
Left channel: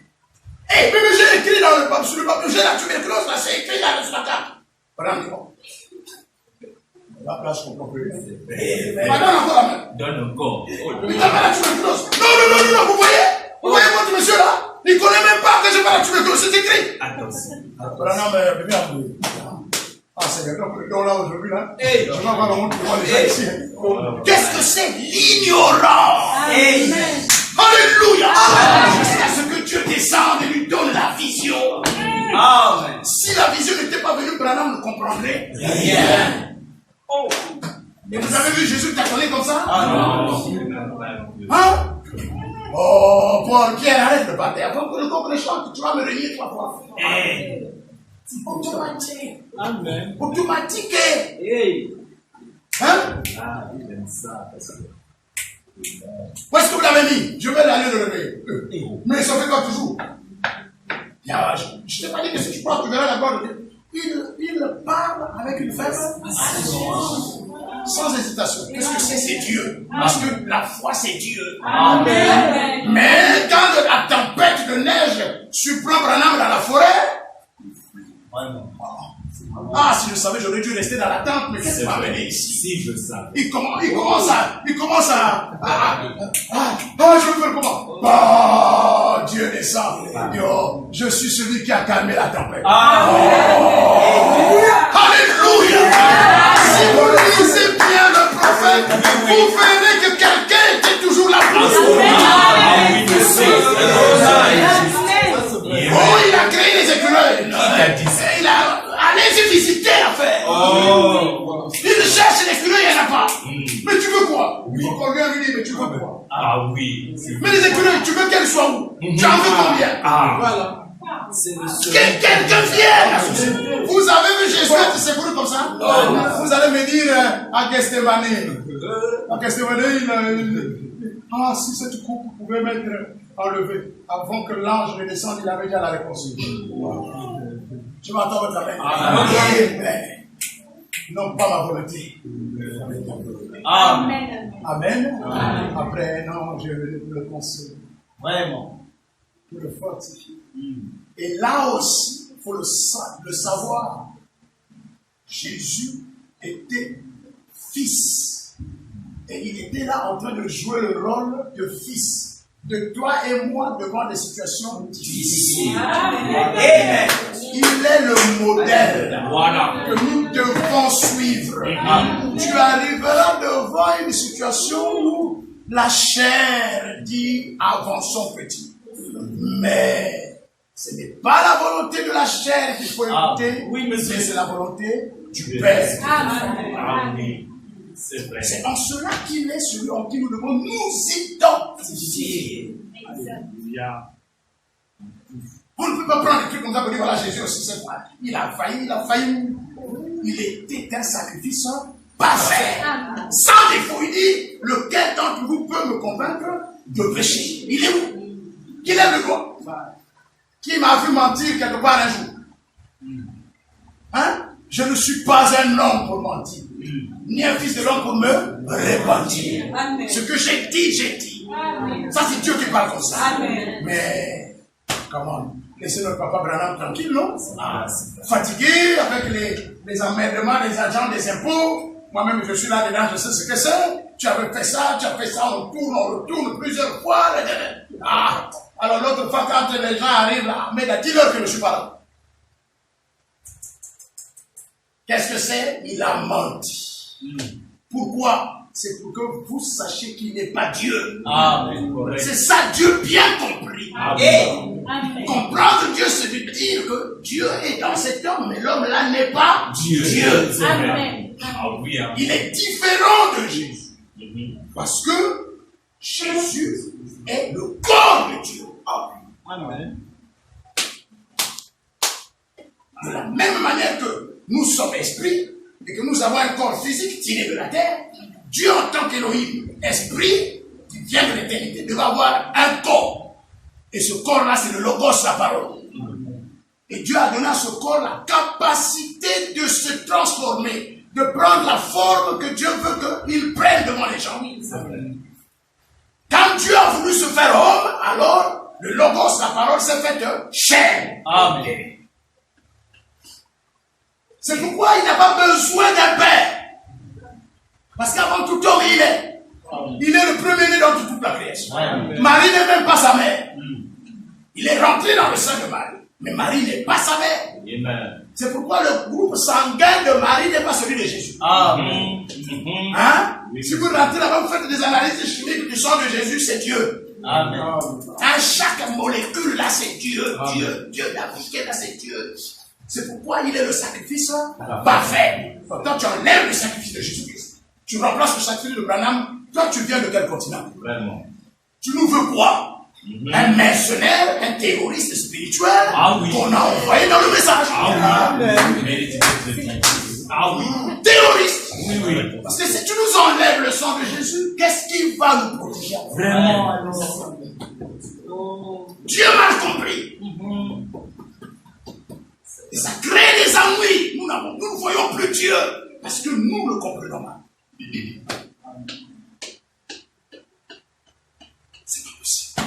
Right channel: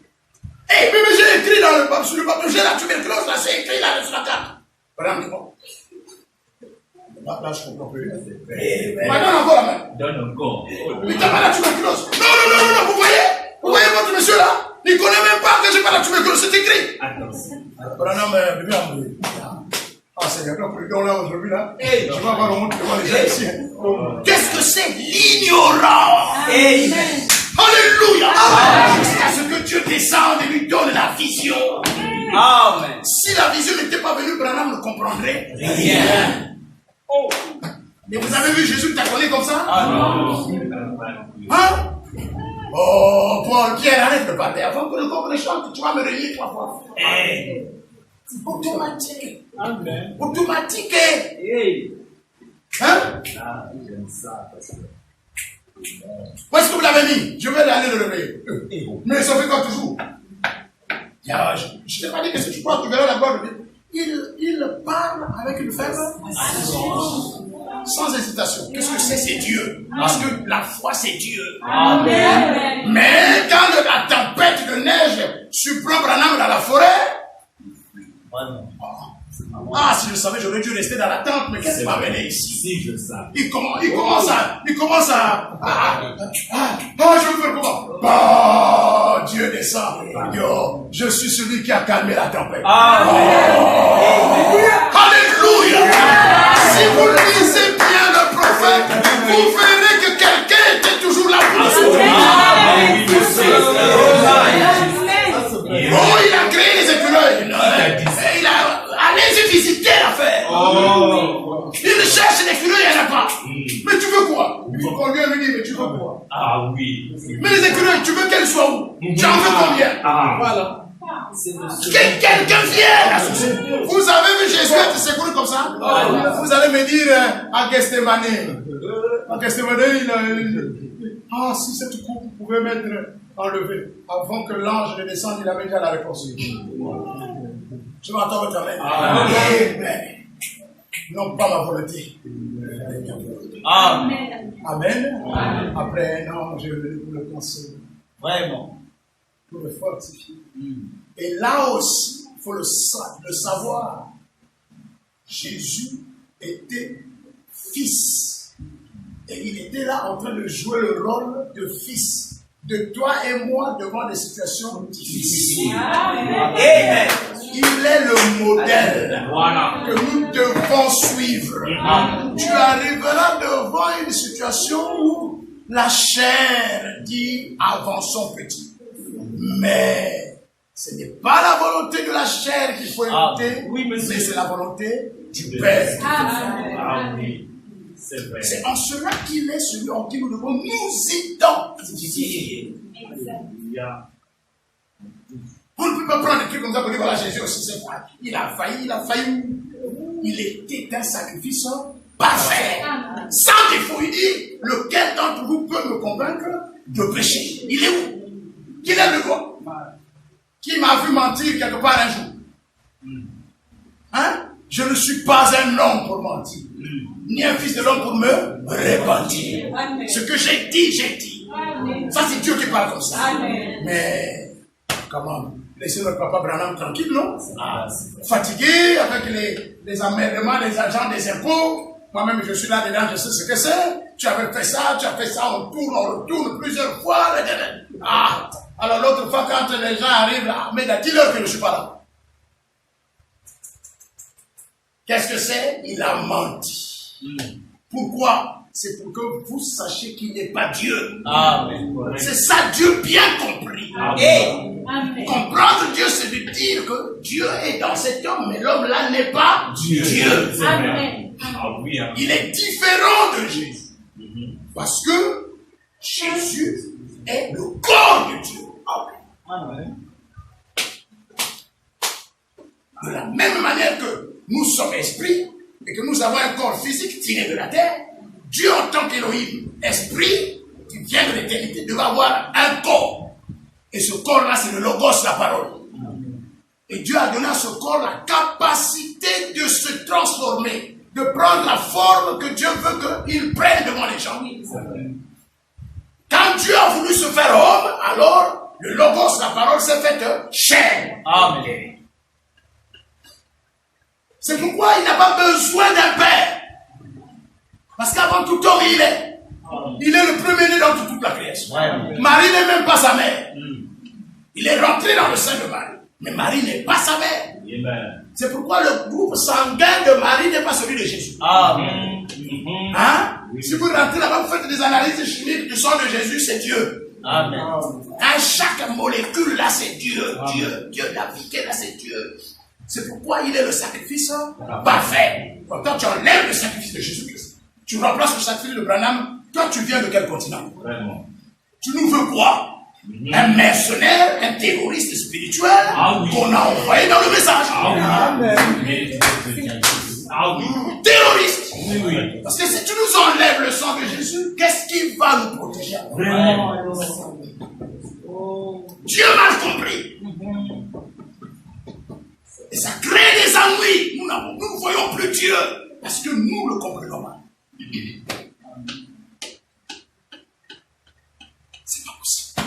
Eh, mais j'ai écrit sur le papier, j'ai la tuberculose, là, c'est écrit là sur la carte. Branham dit bon. Là, je comprends plus. Madame, encore la main. Donne encore. Mais t'as pas la tuberculose. Non, vous voyez votre monsieur là? Il ne connaît même pas que j'ai pas la tuberculose, c'est écrit. Attention. Branham, bien. Ah, Seigneur, donc le don là aujourd'hui là, je vais avoir le monde de voir les gens ici. Qu'est-ce que c'est l'ignorance? Amen. Alléluia! Jusqu'à ce que Dieu descende et lui donne la vision. Amen. Si la vision n'était pas venue, Branham ne comprendrait rien. Oh. Et vous avez vu Jésus t'accoler comme ça? Ah non. Hein? Oh, Paul, Pierre, arrête de parler. Avant que le corps chante, tu vas me relier 3 fois. Automatique. Amen. Automatique. Hey. Hein? Ah, j'aime ça. Où est-ce que vous l'avez mis? Je vais aller le réveiller. Mais ça fait quand toujours. Je ne t'ai pas dit que si tu crois, tu verras la gloire de Dieu. Il parle avec une faible sans hésitation. Qu'est-ce que c'est? C'est Dieu. Parce que la foi, c'est Dieu. Amen. Mais quand la tempête de neige surprend Branham dans la forêt, si je savais, j'aurais dû rester dans la tente, mais qu'est-ce qui m'a amené ici? Si je savais. Il commence à je veux faire comment? Oh, Dieu descend. Yo, je suis celui qui a calmé la tempête. Alléluia. Si vous lisez bien le prophète, vous verrez que quelqu'un était toujours là pour nous. Oh, il a créé les écureuils. Allez-y visiter l'affaire. Il cherche les écureuils, il n'y en a pas. Mais tu veux quoi? Il faut qu'on lui dise, mais tu veux quoi? Ah oui. Mais les écureuils, tu veux qu'elles soient où? Tu en veux combien? Voilà. Quelqu'un vient. Vous avez vu Jésus être secouru comme ça? Vous allez me dire à Gethsémane. À Gethsémane, si cette coupe pouvait m'être enlevée avant que l'ange ne descende, il avait déjà la réponse. Je m'attends votre amen. Amen. Non pas ma volonté. Amen. Amen. Après, non, je vais vous le conseiller. Vraiment. Pour le fortifier. Et là aussi, il faut le savoir. Jésus était fils. Et il était là en train de jouer le rôle de fils. De toi et moi devant des situations difficiles. Amen. Il est le modèle que nous devons suivre. Tu arriveras devant une situation où la chair dit avançons petit. Mais ce n'est pas la volonté de la chair qu'il faut écouter, mais c'est la volonté du Père. Amen. C'est en cela qu'il est celui en qui nous devons nous identifier. On ne peut pas prendre des trucs comme ça pour dire voilà Jésus aussi c'est quoi. Il a failli. Il était un sacrifice parfait. Sans défaut, il dit lequel d'entre vous peut me convaincre de pécher? Il est où? Qui lève le doigt? Qui m'a vu mentir quelque part un jour? Hein? Je ne suis pas un homme pour mentir, ni un fils de l'homme pour me repentir. Ce que j'ai dit, j'ai dit. Ça, c'est Dieu qui parle comme ça. Mais, comment? Laissez notre papa Branham tranquille, non? Fatigué avec les emmerdements des agents des impôts. Moi-même, je suis là dedans, je sais ce que c'est. Tu avais fait ça, on retourne plusieurs fois. Alors l'autre fois, quand les gens arrivent là, mais dis-leur que je ne suis pas là. Qu'est-ce que c'est? Il a menti. Pourquoi? C'est pour que vous sachiez qu'il n'est pas Dieu. Amen. C'est ça, Dieu bien compris. Amen. Et comprendre Dieu, c'est de dire que Dieu est dans cet homme, mais l'homme là n'est pas Dieu. Amen. Il est différent de Jésus. Parce que Jésus est le corps de Dieu. Amen. De la même manière que nous sommes esprits et que nous avons un corps physique tiré de la terre, Dieu en tant qu'Élohim, esprit, qui vient de l'éternité, devait avoir un corps. Et ce corps-là, c'est le logos, la parole. Et Dieu a donné à ce corps la capacité de se transformer, de prendre la forme que Dieu veut qu'il prenne devant les gens. Quand Dieu a voulu se faire homme, alors le logos, la parole s'est faite chair. Amen. C'est pourquoi il n'a pas besoin d'un père. Parce qu'avant tout homme, il est. Il est le premier-né dans toute la création. Marie n'est même pas sa mère. Il est rentré dans le sein de Marie. Mais Marie n'est pas sa mère. Amen. C'est pourquoi le groupe sanguin de Marie n'est pas celui de Jésus. Amen. Hein? Si vous rentrez là-bas, vous faites des analyses chimiques du sang de Jésus, c'est Dieu. Amen. Hein? Chaque molécule là, c'est Dieu. Dieu, la vie là, c'est Dieu. C'est pourquoi il est le sacrifice parfait. Quand tu enlèves le sacrifice de Jésus-Christ, tu remplaces le sacrifice de Branham. Toi, tu viens de quel continent? Vraiment. Tu nous veux quoi? Un mercenaire, un terroriste spirituel qu'on a envoyé dans le message. Terroriste. Oui. Parce que si tu nous enlèves le sang de Jésus, qu'est-ce qui va nous protéger? Vraiment. Dieu m'a compris. Et ça crée des ennuis. Nous ne voyons plus Dieu parce que nous le comprenons mal. C'est pas possible.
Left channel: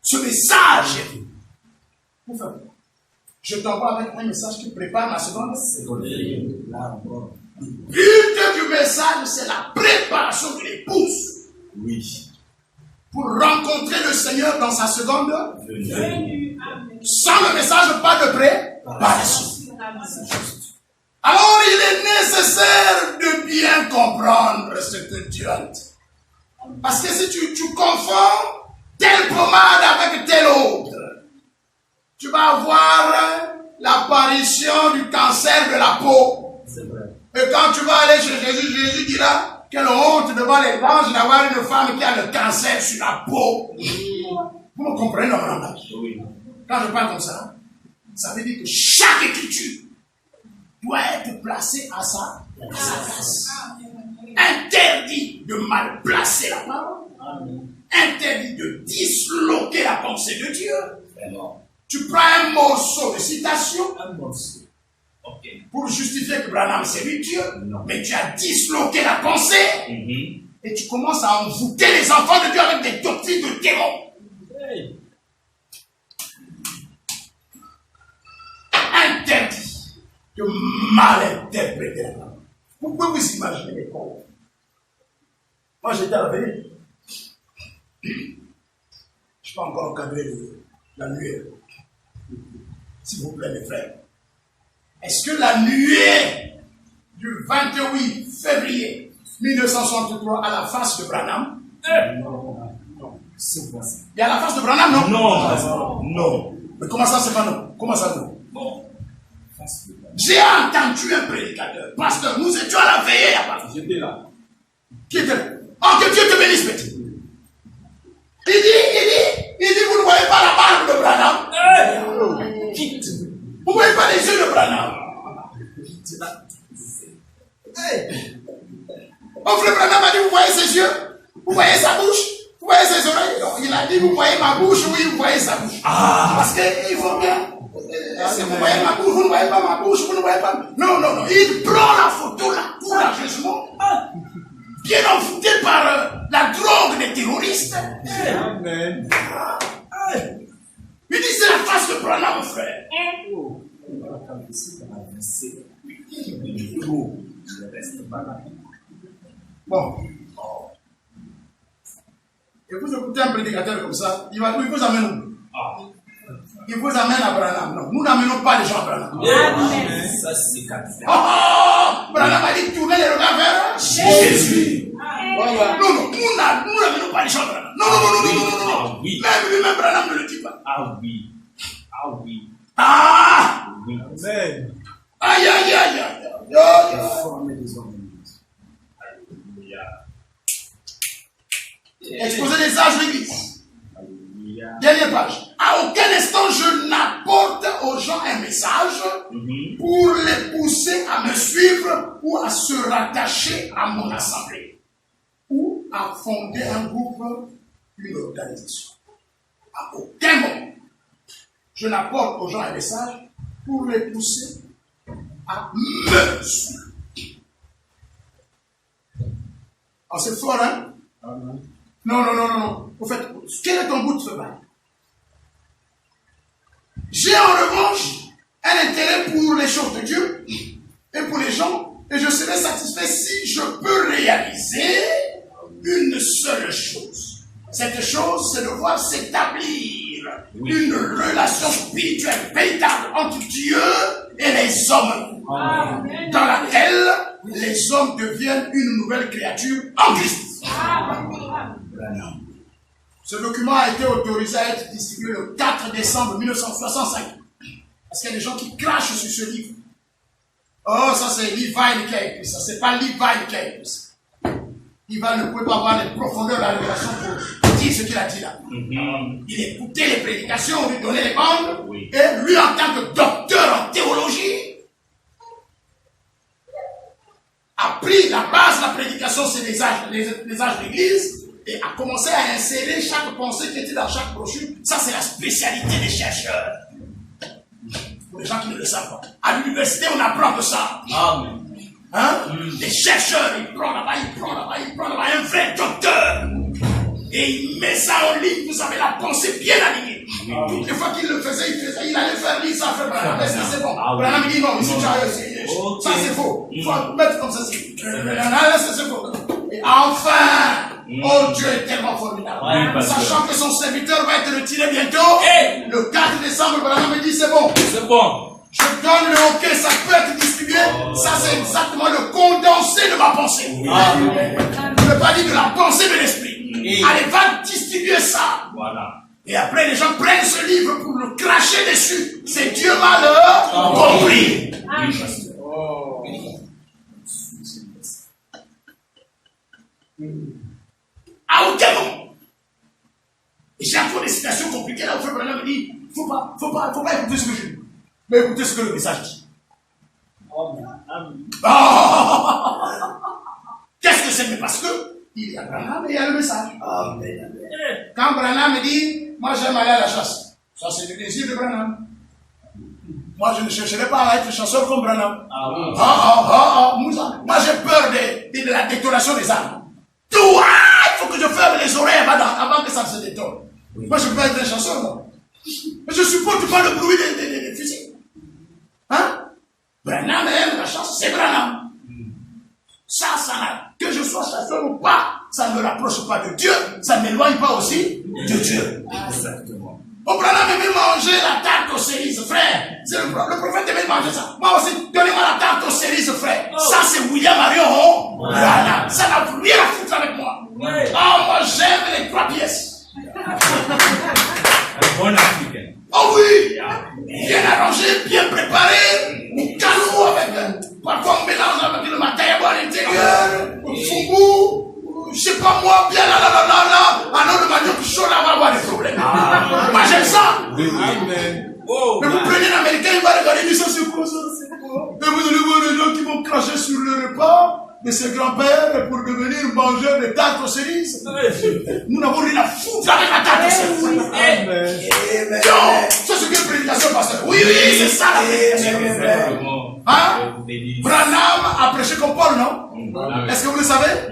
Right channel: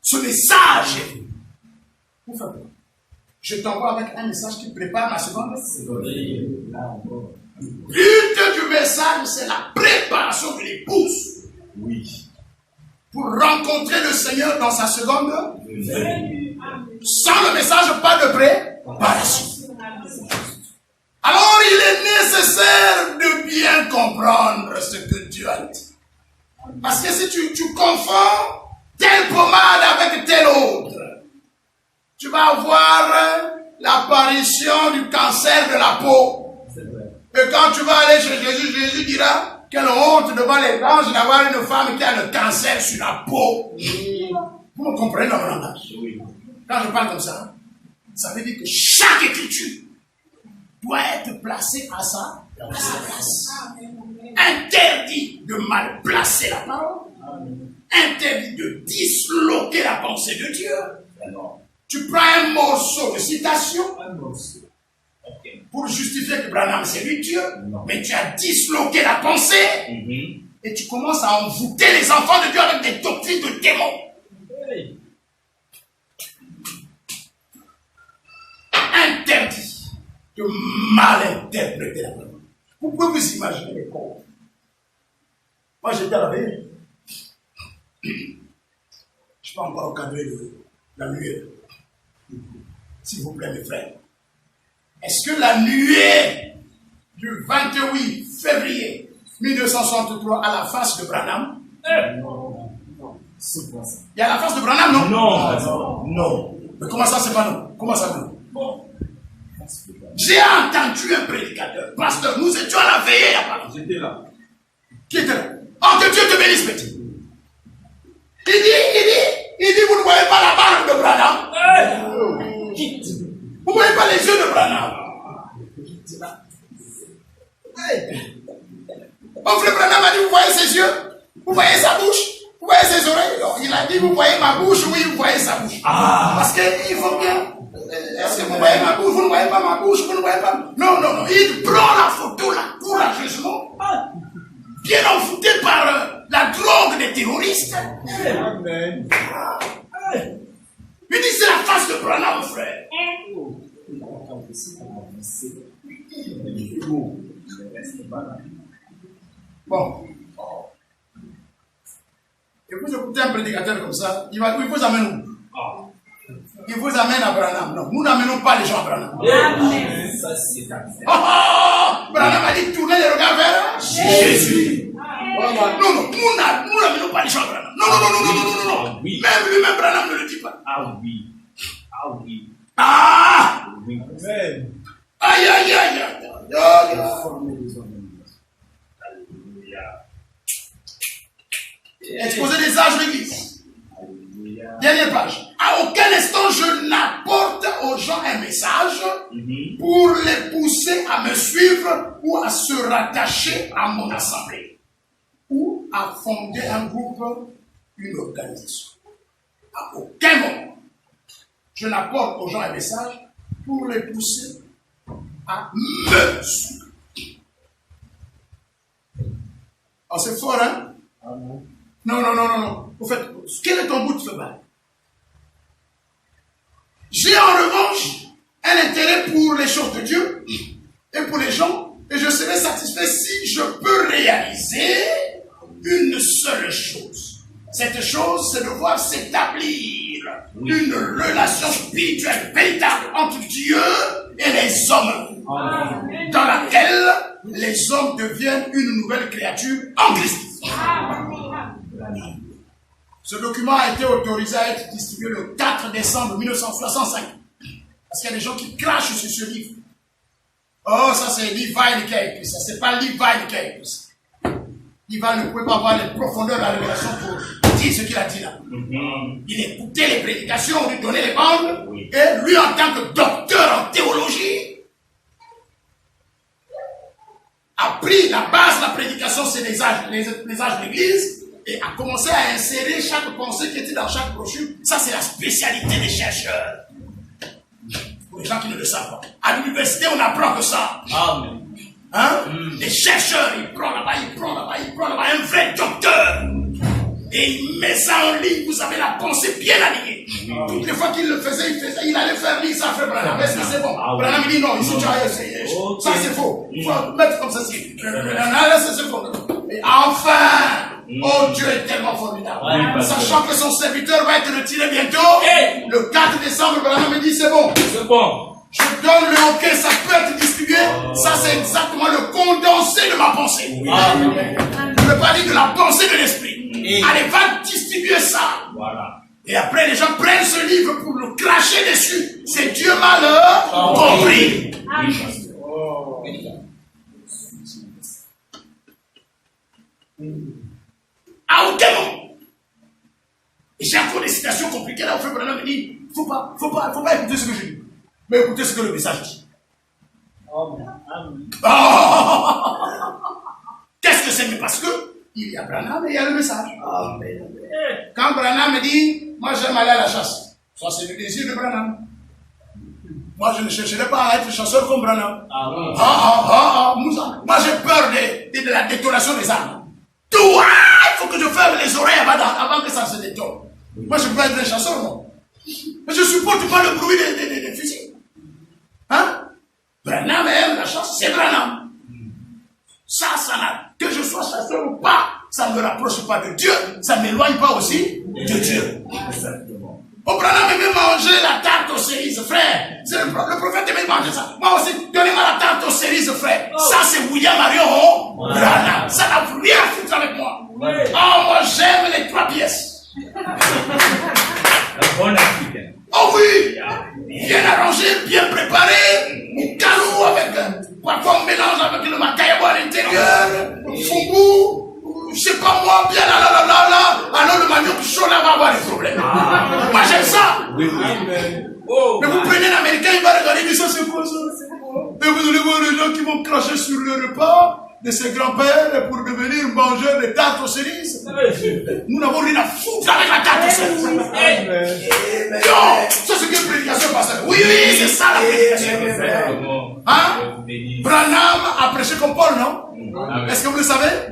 Ce message, vous faites quoi? Je t'envoie avec un message qui prépare ma seconde. Le but du message, c'est la préparation de l'épouse. Oui. Pour rencontrer le Seigneur dans sa seconde venue. Sans le message, pas de préparation. Alors, il est nécessaire de bien comprendre ce que Dieu a dit. Parce que si tu confonds telle pommade avec telle autre, tu vas avoir l'apparition du cancer de la peau. C'est vrai. Et quand tu vas aller chez Jésus, Jésus dira, quelle honte devant les anges d'avoir une femme qui a le cancer sur la peau. Vous me comprenez dans mon langage? Oui. Quand je parle comme ça, ça veut dire que chaque écriture doit être placée à sa place. Interdit de mal placer la parole. Interdit de disloquer la pensée de Dieu. Tu prends un morceau de citation pour justifier que Branham c'est lui Dieu, mais tu as disloqué la pensée et tu commences à envoûter les enfants de Dieu avec des doctrines de démons. Interdit de mal interpréter la parole. Vous pouvez vous imaginer mes corps. Moi j'étais à la veille. Je n'ai pas encore encadré la nuée. S'il vous plaît mes frères. Est-ce que la nuée du 28 février 1963 à la face de Branham? Il y a la face de Branham, non? Non. Mais comment ça c'est pas non? Comment ça non? J'ai entendu un prédicateur, pasteur, nous étions à la veillée là-bas. J'étais là. Qui était là? Oh, que Dieu te bénisse, petit. Il dit, vous ne voyez pas la barbe de Branham? Vous ne voyez pas les yeux de Branham? Mon frère Branham a dit, vous voyez ses yeux? Vous voyez sa bouche? Vous voyez ses oreilles? Non, il a dit, vous voyez ma bouche? Oui, vous voyez sa bouche. Parce qu'il faut bien. Est-ce que vous voyez ma bouche? Vous ne voyez pas ma bouche? Vous ne voyez pas? Non. Il prend la photo là, courageusement. Bien envoûté par la drogue des terroristes. Amen. Il dit, c'est la face de Branham, mon frère. Bon. Et vous écoutez un prédicateur comme ça, il vous amène où? Il vous amène à Branham. Non, nous n'amenons pas les gens à Branham. Ça, c'est capital. Branham a dit tournez les regards vers Jésus. Voilà. Non, nous n'amenons pas les gens à Branham. Non. Oui. Même lui-même, Branham ne le dit pas. Oui. Oui. Amen. Aïe. Exposer les âges de l'Église. Dernière page. À aucun instant je n'apporte aux gens un message pour les pousser à me suivre ou à se rattacher à mon assemblée ou à fonder un groupe, une organisation. À aucun moment je n'apporte aux gens un message pour les pousser à mesure. Oh, c'est fort, hein? Non. Au fait, quel est ton bout de feu? J'ai en revanche un intérêt pour les choses de Dieu et pour les gens, et je serai satisfait si je peux réaliser une seule chose. Cette chose, c'est de voir s'établir une relation spirituelle véritable entre Dieu et les hommes, dans laquelle les hommes deviennent une nouvelle créature en Christ. Ce document a été autorisé à être distribué le 4 décembre 1965. Parce qu'il y a des gens qui crachent sur ce livre. Oh, ça c'est Levi qui a écrit ça. C'est pas Levi qui a écrit ça. Levi ne pouvait pas avoir les profondeurs de la révélation pour dire ce qu'il a dit là. Il écoutait les prédications, on lui donnait les bandes. Et lui, en tant que docteur en théologie, a pris la base de la prédication, c'est les âges de l'église. Et a commencé à insérer chaque pensée qui était dans chaque brochure. Ça, c'est la spécialité des chercheurs. Pour les gens qui ne le savent pas. À l'université, on apprend que ça. Amen. Hein? Les chercheurs, ils prennent là-bas, un vrai docteur. Et il met ça en ligne, vous avez la pensée bien alignée. Toutes les fois qu'il le faisait, il allait faire lire ça, faire Branham. Est-ce que c'est bon? Branham, il dit non, ici tu as essayé. Ça c'est faux. Il faut mettre comme ça. C'est faux. Et enfin, oh Dieu est tellement formidable. Sachant que son serviteur va être retiré bientôt, le 4 décembre, Branham me dit c'est bon. C'est bon. Je donne le hockey, ça peut être distribué. Ça, c'est exactement le condensé de ma pensée. Je ne veux pas dire de la pensée de l'esprit. Allez, va distribuer ça. Voilà. Et après, les gens prennent ce livre pour le cracher dessus. C'est Dieu malheur compris. À aucun moment. Et j'ai encore des citations compliquées là où Frère Branham me dit, faut pas écouter ce que je dis. Mais écoutez ce que le message dit. Qu'est-ce que c'est? Mais parce que il y a Branham et il y a le message. Quand Branham me dit, moi j'aime aller à la chasse, ça c'est le désir de Branham. Moi je ne chercherai pas à être chasseur comme Branham. Moi j'ai peur de la détonation des armes. Tout, il faut que je ferme les oreilles avant que ça se détonne. Moi je peux être un chasseur, non? Mais je supporte pas le bruit des fusils. Hein? Branham aime la chasse, c'est Branham. Ça n'a, que je sois chasseur ou pas, ça ne me rapproche pas de Dieu, ça ne m'éloigne pas aussi de Dieu. Exactement. Oh, Branham aimait manger la tarte aux cerises, frère. Le prophète aimait manger ça. Moi aussi, donnez-moi la tarte aux cerises, frère. Ça, c'est William Marion Branham. Ça n'a rien à foutre avec moi. Oh, moi, j'aime les 3 pièces. Un bon africain. Oh oui! Bien arrangé, bien préparé, au calou avec, parfois on mélange avec le macayabo à l'intérieur, le fougou, je sais pas moi, bien là, alors le manioc chaud là va avoir des problèmes. Moi j'aime ça! Amen. Mais vous prenez l'américain, il va regarder, il dit ça c'est quoi ça? Et vous allez voir les gens qui vont cracher sur le repas de ses grands-pères pour devenir mangeurs de tartes aux cerises. Nous n'avons rien à foutre avec la tarte aux cerises. Non, ça c'est quelle prédication, pasteur? Oui, c'est ça la prédication. Hein? Branham a prêché comme Paul, non? Est-ce que vous le savez?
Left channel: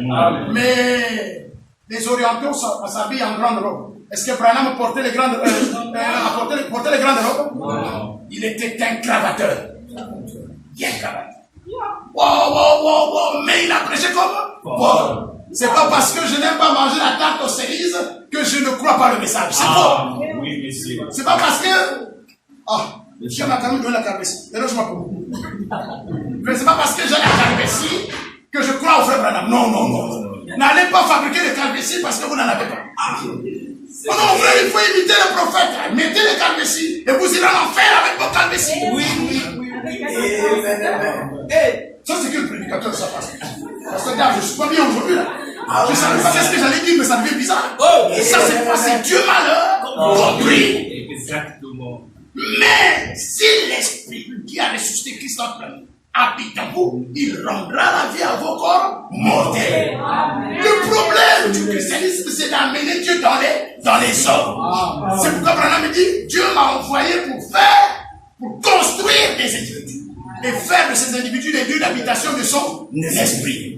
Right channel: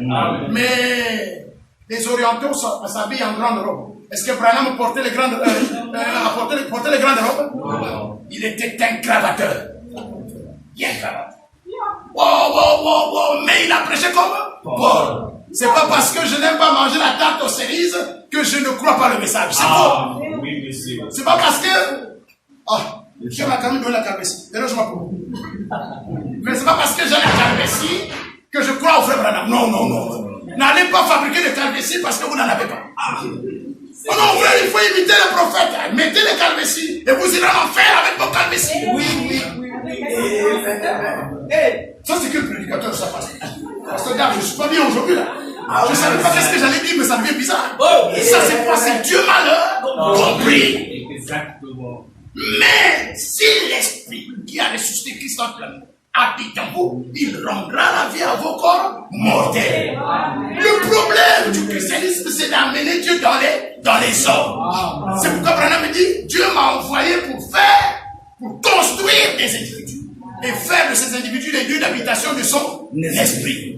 Mais les orientaux s'habillent en grande robe. Est-ce que Branham portait les grandes robes? Il était un cravateur. Bien cravateur. Wow, mais il a prêché comme Paul. C'est pas parce que je n'aime pas manger la tarte aux cerises que je ne crois pas le message. C'est faux. Oui, monsieur. C'est pas parce que... Dieu m'a quand même donné la calvétie. Mais c'est pas parce que j'ai la calvétie que je crois au frère Branham. Non. N'allez pas fabriquer des calvéties parce que vous n'en avez pas. Oh non, frère, il faut imiter le prophète. Mettez les calvéties et vous irez en enfer avec vos calvéties. Oui. Ça, c'est quel prédicateur ça passe? Parce que regarde, je ne suis pas bien aujourd'hui là. Je ne savais pas qu'est-ce que j'allais dire, mais ça devient bizarre. Et ça, c'est quoi? C'est Dieu malheur compris. Exactement. Mais si l'esprit qui a ressuscité Christ en plein habite en vous, il rendra la vie à vos corps mortels. Le problème du christianisme, c'est d'amener Dieu dans les hommes. C'est pourquoi Branham me dit, Dieu m'a envoyé pour construire des écritures. et faire de ces individus les lieux d'habitation de son esprit.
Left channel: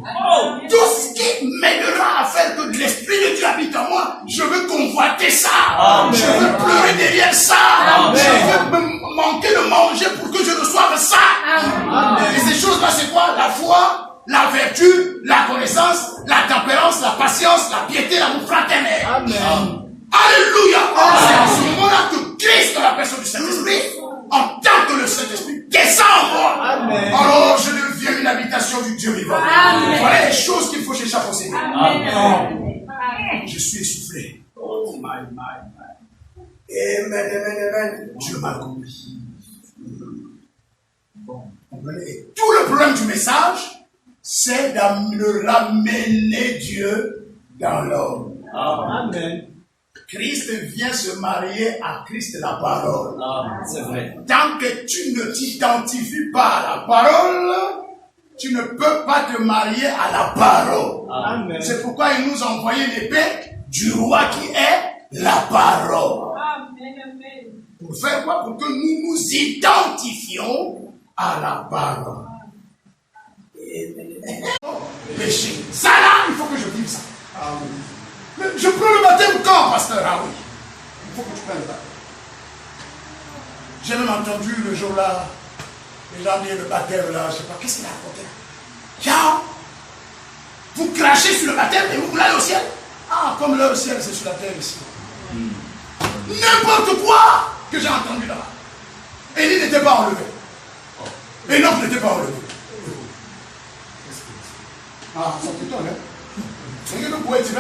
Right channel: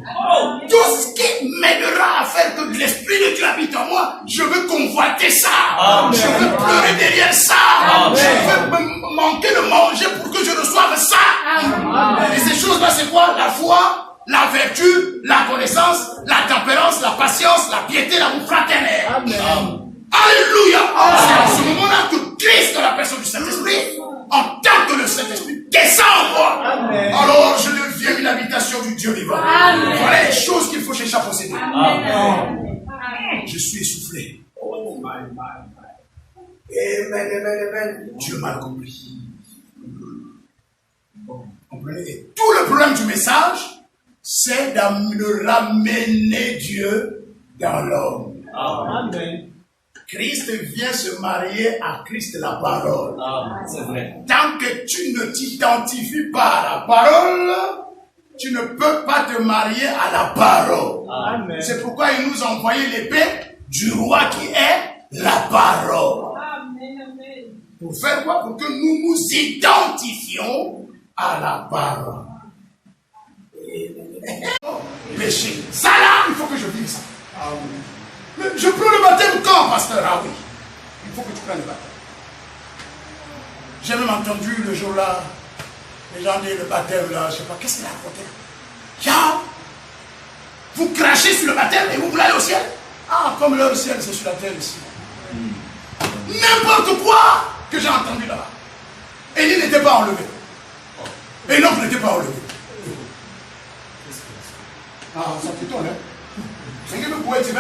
Tout ce qui m'aidera à faire que l'esprit de Dieu habite en moi, je veux convoiter ça. Amen. Je veux pleurer derrière ça. Amen. Je veux me manquer de manger pour que je reçoive ça. Amen. Et ces choses-là, c'est quoi? La foi, la vertu, la connaissance, la tempérance, la patience, la piété, l'amour fraternel. Amen. Alléluia! C'est à ce moment-là que Christ, dans la personne du Saint-Esprit, en tant que le Saint-Esprit, descend en moi. Amen. Alors je deviens une habitation du Dieu vivant. Amen. Voilà les choses qu'il faut chercher à posséder. Amen. Je suis essoufflé. Oh my. Amen. Dieu m'a compris. Comprenez? Et tout le problème du message, c'est de ramener Dieu dans l'homme. Amen. Christ vient se marier à Christ la parole. C'est vrai. Tant que tu ne t'identifies pas à la parole, tu ne peux pas te marier à la parole. Amen. C'est pourquoi il nous a envoyé l'épée du roi qui est la parole. Pour faire quoi? Pour que nous nous identifions à la parole. Péché. Ça là, il faut que je vive ça. Mais je prends le baptême quand, pasteur? Ah oui. Il faut que tu prennes le baptême. J'ai même entendu le jour-là, les gens disent le baptême là, je ne sais pas, qu'est-ce qu'il a raconté? Tiens, vous crachez sur le baptême et vous voulez aller au ciel? Ah, comme là, le ciel, c'est sur la terre ici. N'importe quoi que j'ai entendu là-bas. Élie n'était pas enlevé. Enoch n'était pas enlevé. Ah, ça t'étonne, hein? C'est que vous pouvez dire,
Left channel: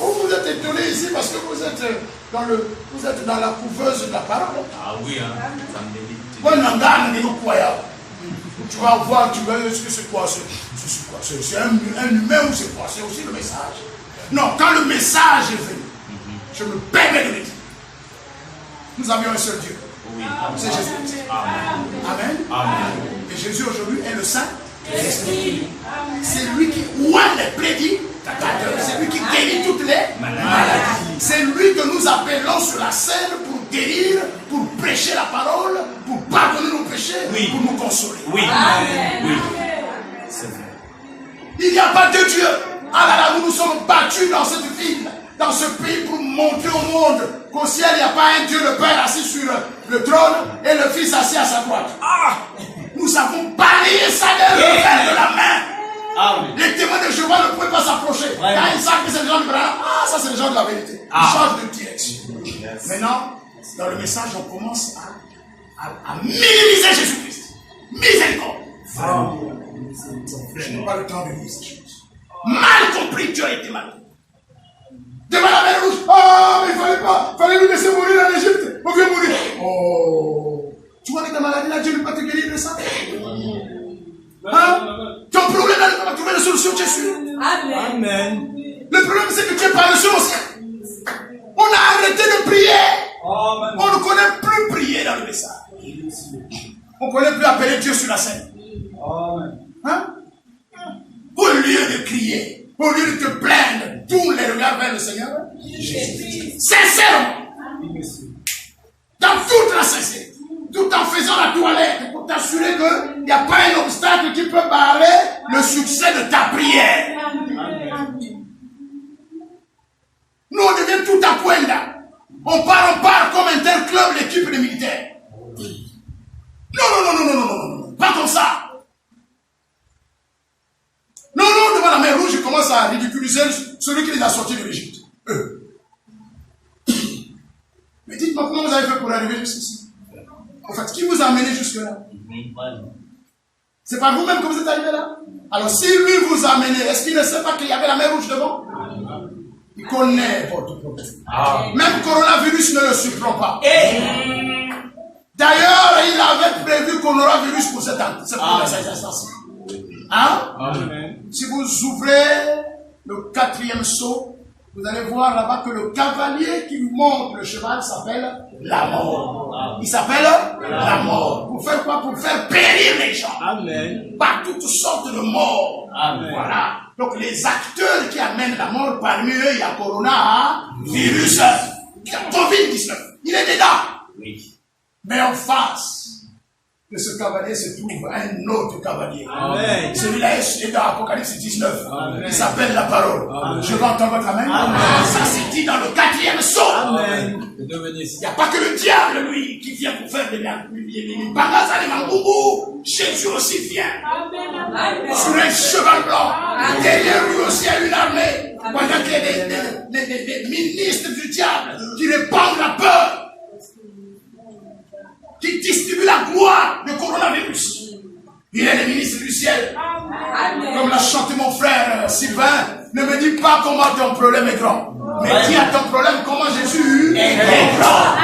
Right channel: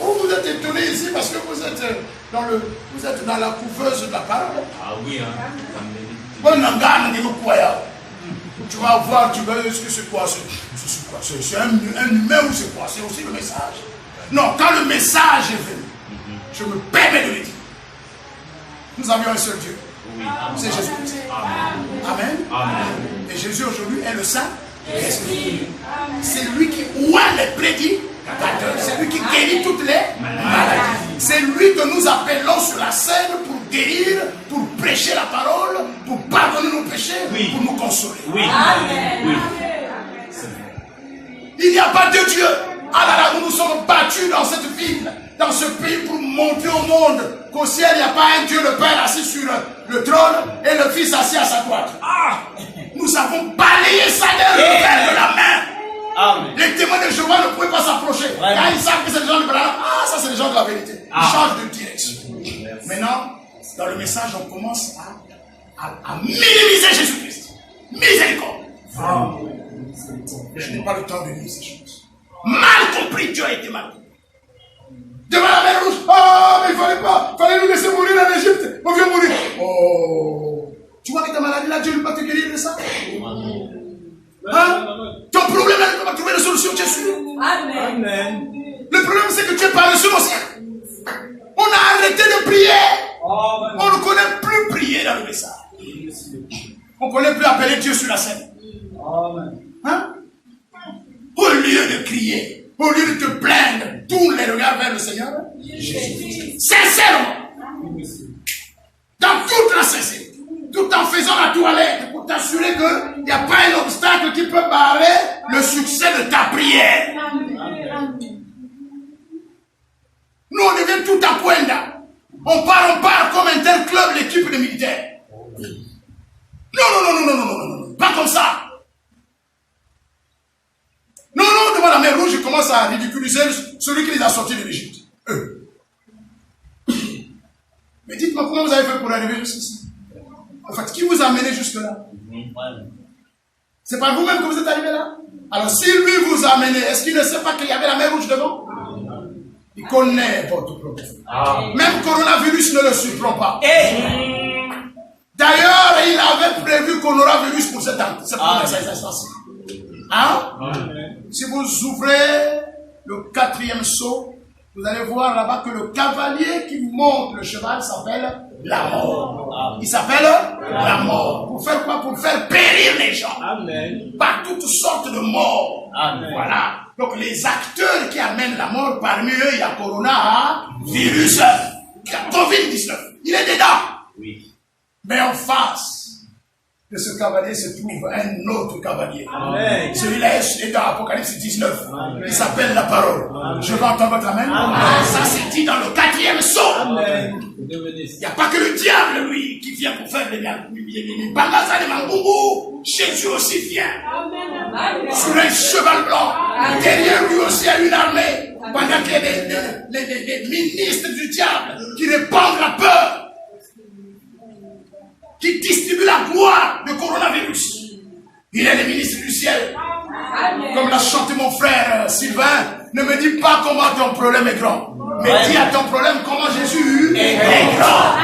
oh, vous êtes étonné ici parce que vous êtes dans la couveuse de la parole. Ah oui, hein. Ça me dit. Tu vas voir, tu vas est-ce que c'est quoi? C'est un humain ou c'est quoi? C'est aussi le message. Non, quand le message est venu, je me permets de le dire. Nous avions un seul Dieu. Oui. C'est Jésus. Amen. Amen. Et Jésus aujourd'hui est le Saint-Esprit. C'est lui qui oint les prédicateurs. C'est lui qui guérit toutes les maladies. C'est lui que nous appelons sur la scène pour guérir, pour prêcher la parole, pour pardonner nos péchés, Oui. pour nous consoler. Oui. Amen. Oui. C'est vrai. Il n'y a pas de Dieu. Ah là là, nous nous sommes battus dans cette ville, dans ce pays pour montrer au monde qu'au ciel, il n'y a pas un Dieu le Père assis sur le trône et le Fils assis à sa droite. Ah! Nous avons balayé ça d'un revers de la main. Amen. Les témoins de Jéhovah ne pouvaient pas s'approcher. Ouais. Quand ils savent que c'est les gens du Branham, ah, ça c'est les gens de la vérité. Ils Ah. changent de direction. Yes. Maintenant, dans le message, on commence à minimiser Jésus-Christ. Miséricorde. Je n'ai pas le temps de lire ces choses. Mal compris, Dieu a été mal compris. Devant la mer rouge, ah, mais il fallait nous laisser mourir en Égypte. On vient mourir. Oh, tu vois que ta maladie là, Dieu ne peut pas te guérir de ça. Hein? Ton problème là, tu vas trouver la solution, tu es sûr. Amen. Amen. Le problème c'est que tu es paresseux aussi. On a arrêté de prier. On ne connaît plus prier dans le message. On ne connaît plus appeler Dieu sur la scène. Hein? Au lieu de crier, au lieu de te plaindre, tourne les regards vers le Seigneur. Sincèrement. Dans toute la sincérité. Tout en faisant la toilette pour t'assurer qu'il n'y a pas un obstacle qui peut barrer le succès de ta prière. Nous, on devient tout à Cuenda. On part comme un tel club, l'équipe des militaires. Non, pas comme ça. Non, devant la mer Rouge, ils commencent à ridiculiser celui qui les a sortis de l'Égypte. Eux. Mais dites-moi comment vous avez fait pour arriver jusqu'ici. En fait, qui vous a amené jusque-là? C'est pas vous-même que vous êtes arrivé là? Alors, si lui vous a amené, est-ce qu'il ne sait pas qu'il y avait la mer Rouge devant? Il connaît votre problème. Même coronavirus ne le surprend pas. D'ailleurs, il avait prévu coronavirus pour cette instance. Hein? Si vous ouvrez le 4e sceau, vous allez voir là-bas que le cavalier qui monte le cheval s'appelle la mort. Il s'appelle la mort. Pour faire quoi? Pour faire périr les gens. Amen. Par toutes sortes de morts. Amen. Voilà. Donc les acteurs qui amènent la mort, parmi eux, il y a coronavirus, Covid-19. Il est dedans. Oui. Mais en face, de ce cavalier se trouve un autre cavalier. Amen. Celui-là est dans Apocalypse 19. Amen. Il s'appelle la parole. Amen. Je vais entendre votre amen. Amen. Ça c'est dit dans le 4e psaume. Amen. Il n'y a pas que le diable, lui, qui vient pour faire des bagaza, des mangoubou. Jésus aussi vient. Sur un cheval blanc. Derrière lui aussi, il y a une armée. Pendant qu'il y a des ministres du diable qui répandent la peur, qui distribuent la gloire de coronavirus. Il est le ministre du ciel. Comme l'a chanté mon frère Sylvain, ne me dis pas comment ton problème est grand, mais dis à ton problème comment Jésus est grand.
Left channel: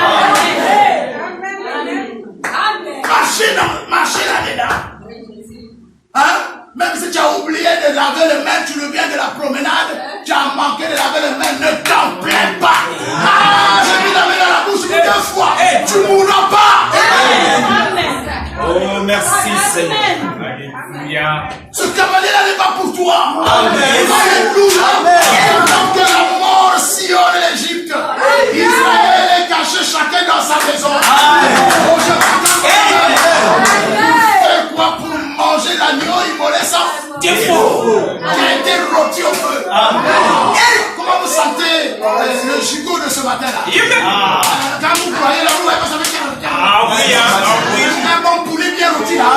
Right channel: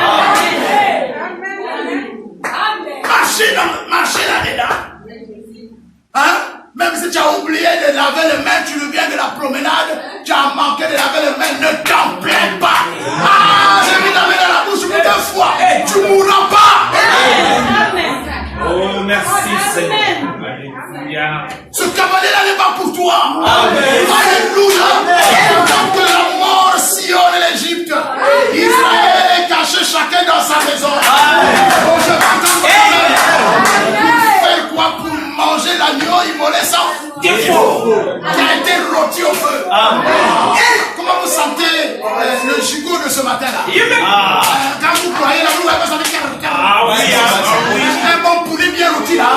Marchez là-dedans. Hein? Même si tu as oublié de laver les mains, tu reviens de la promenade, tu as manqué de laver les mains, ne t'en plains pas. Ah, j'ai mis la main dans la bouche pour 2 fois. Tu ne mourras pas. Oh, merci Seigneur. Alléluia. Ce cavalier-là n'est pas pour toi. Amen. Alléluia. Quand que la mort sillonne l'Égypte, Israël est caché chacun dans sa maison. Oh, je m'entends. Fais quoi pour manger l'agneau immolé sans défaut qui a été rôti au feu? Et comment vous sentez le gigot de ce matin-là? Quand vous croyez la roue, ça fait 40. Un bon poulet bien rôti là.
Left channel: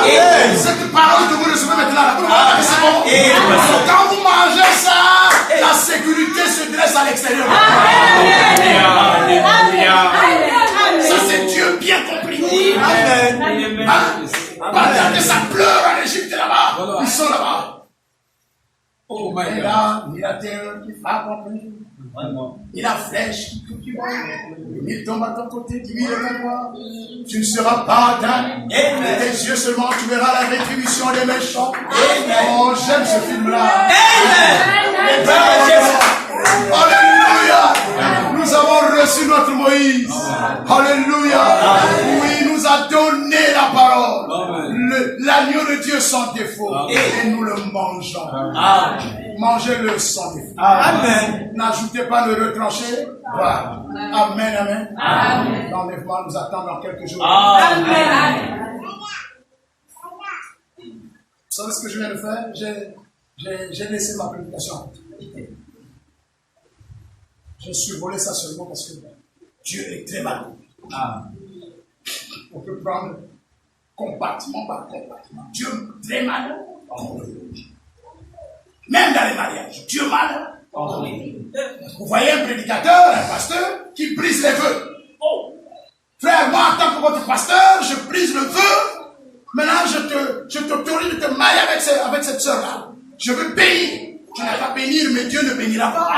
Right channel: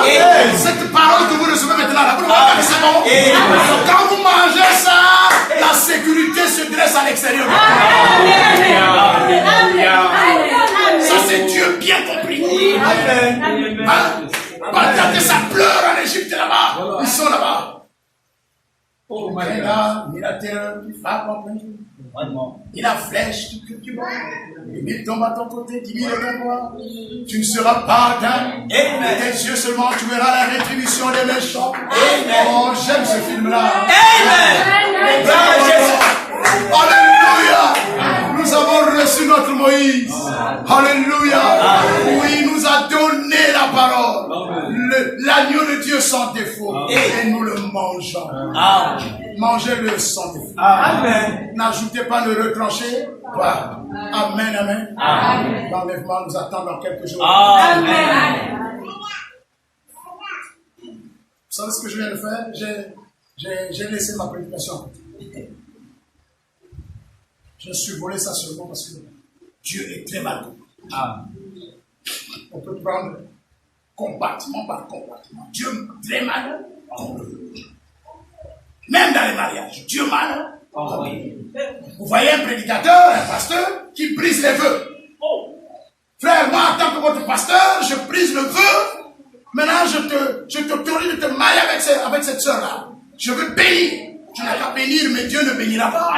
Cette parole que vous recevez maintenant là, vous ne voyez pas que c'est bon. Quand vous mangez ça, la sécurité se dresse à l'extérieur. Ça c'est Dieu bien compris. Pendant que ça pleure en Égypte là-bas, ils sont là-bas. Et là, ni la terre qui frappe en plein jour, ni la flèche qui va. Les 1000 tombent à ton côté, 10 000 à toi. Tu ne seras pas atteint. De tes yeux seulement, tu verras la rétribution des méchants. Oh, j'aime ce film-là. Alléluia. Nous avons reçu notre Moïse. Alléluia. Oui, il nous a donné la parole. L'agneau de Dieu sans défaut. Et nous le mangeons. Mangez-le sans défaut. N'ajoutez pas, ne retраnchez pas. Amen, amen. L'enlèvement nous attend dans quelques jours. Vous savez ce que je viens de faire? J'ai laissé ma prédication. Je suis volé ça seulement parce que Dieu est très mal compris. On peut prendre compartiment par compartiment. Dieu très mal compris. Même dans les mariages, Dieu mal compris. Vous voyez un prédicateur, un pasteur qui brise les vœux. Frère, moi en tant que votre pasteur, je brise le vœu. Maintenant, je t'autorise de te marier avec cette soeur-là. Je veux bénir. Tu n'as qu'à bénir, mais Dieu ne bénira pas.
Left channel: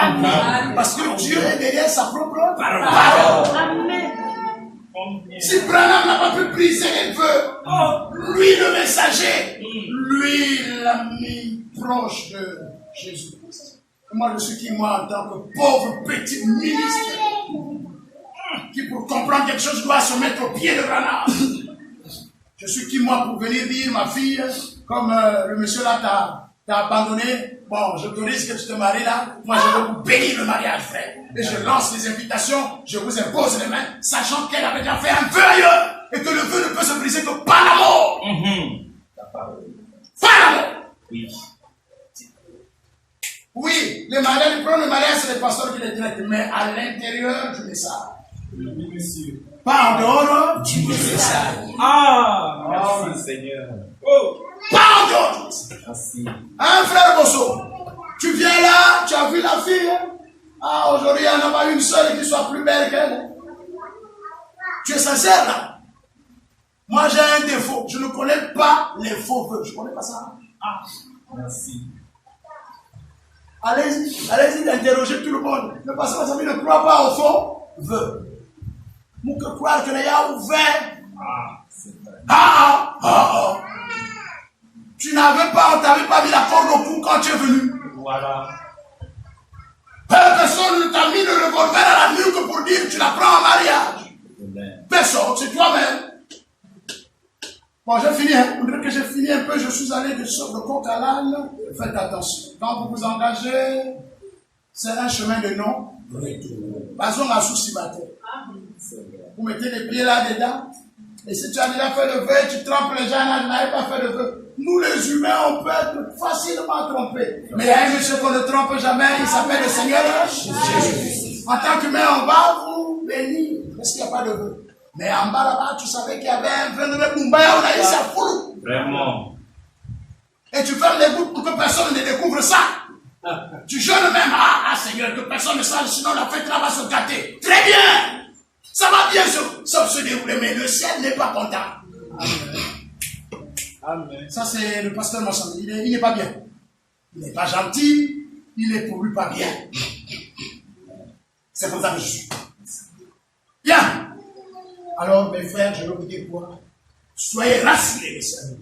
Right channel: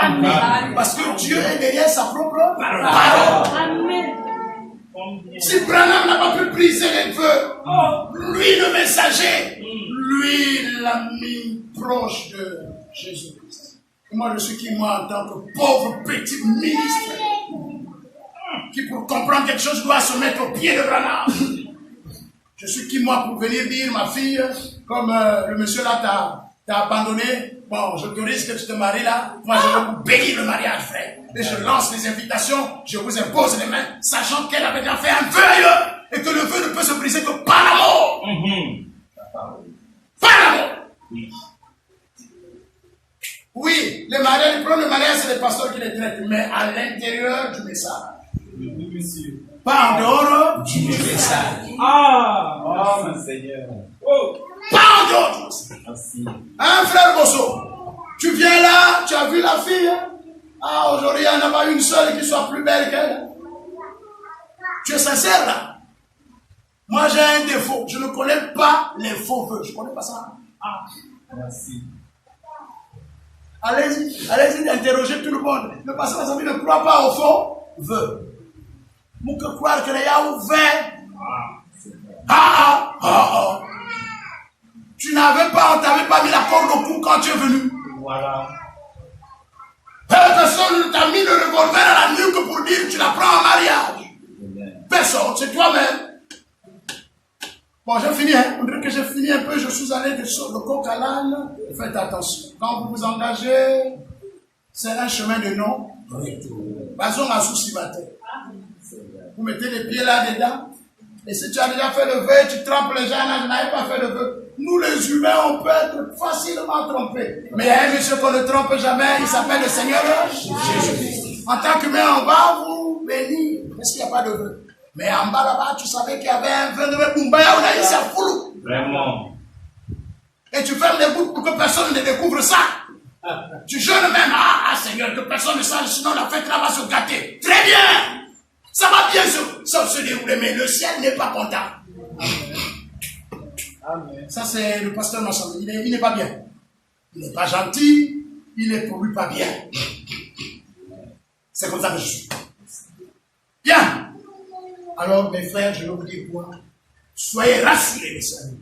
Parce que Dieu est derrière sa propre parole. Si Branham n'a pas pu briser les vœux, lui le messager, lui l'ami proche de Jésus-Christ. Moi je suis qui, moi, en tant que pauvre petit ministre, qui pour comprendre quelque chose doit se mettre au pied de Branham. Je suis qui, moi, pour venir dire, ma fille, comme le monsieur là t'a abandonné, bon, j'autorise que tu te maries là, moi je veux vous bénir le mariage, frère. Et je lance les invitations, je vous impose les mains, sachant qu'elle avait déjà fait un vœu ailleurs, et que le vœu ne peut se briser que par l'amour. Par l'amour. Oui, le mariage, le premier mariage, c'est les pasteurs qui les traitent, mais à l'intérieur du message. Pas en dehors du message. Merci Seigneur. Pas en dehors. Hein, frère Bosso, tu viens là, tu as vu la fille. Aujourd'hui, il n'y en a pas une seule qui soit plus belle qu'elle. Tu es sincère là? Moi, j'ai un défaut. Je ne connais pas les faux vœux. Je ne connais pas ça. Merci. Allez-y interroger tout le monde. Le pasteur Zami ne croit pas au faux vœux. Nous que croire que les a ouvert. Tu n'avais pas, on t'avait pas mis la corde au cou quand tu es venu. Voilà. Personne ne t'a mis le revolver à la nuque pour dire que tu la prends en mariage. Personne, c'est toi-même. Bon, j'ai fini, hein. On dirait que j'ai fini un peu, je suis allé de sur le coq à l'âne. Faites attention. Quand vous vous engagez, c'est un chemin de non-retour. Basons à souci matin. Vous mettez les pieds là-dedans. Et si tu as déjà fait le vœu, tu trompes les gens, je n'avais pas fait le vœu. Nous les humains, on peut être facilement trompés. Mais il y a un monsieur qu'on ne trompe jamais, il s'appelle le Seigneur Jésus-Christ. En tant qu'humain, on va vous bénir, parce qu'il n'y a pas de vœu. Mais en bas là-bas, tu savais qu'il y avait un vœu de Boumbaya, on a ici à Foulou. Vraiment. Et tu fermes les bouches pour que personne ne découvre ça. Tu jeûnes même, ah Seigneur, que personne ne sache, sinon la fête là va se gâter. Très bien. Ça va bien se dérouler, mais le ciel n'est pas content. Amen. Ça, c'est le pasteur Massam. Il n'est pas bien. Il n'est pas gentil. Il n'est pour lui pas bien. C'est comme ça que je suis. Bien. Alors, mes frères, je vais vous dire quoi. Soyez rassurés, mes amis,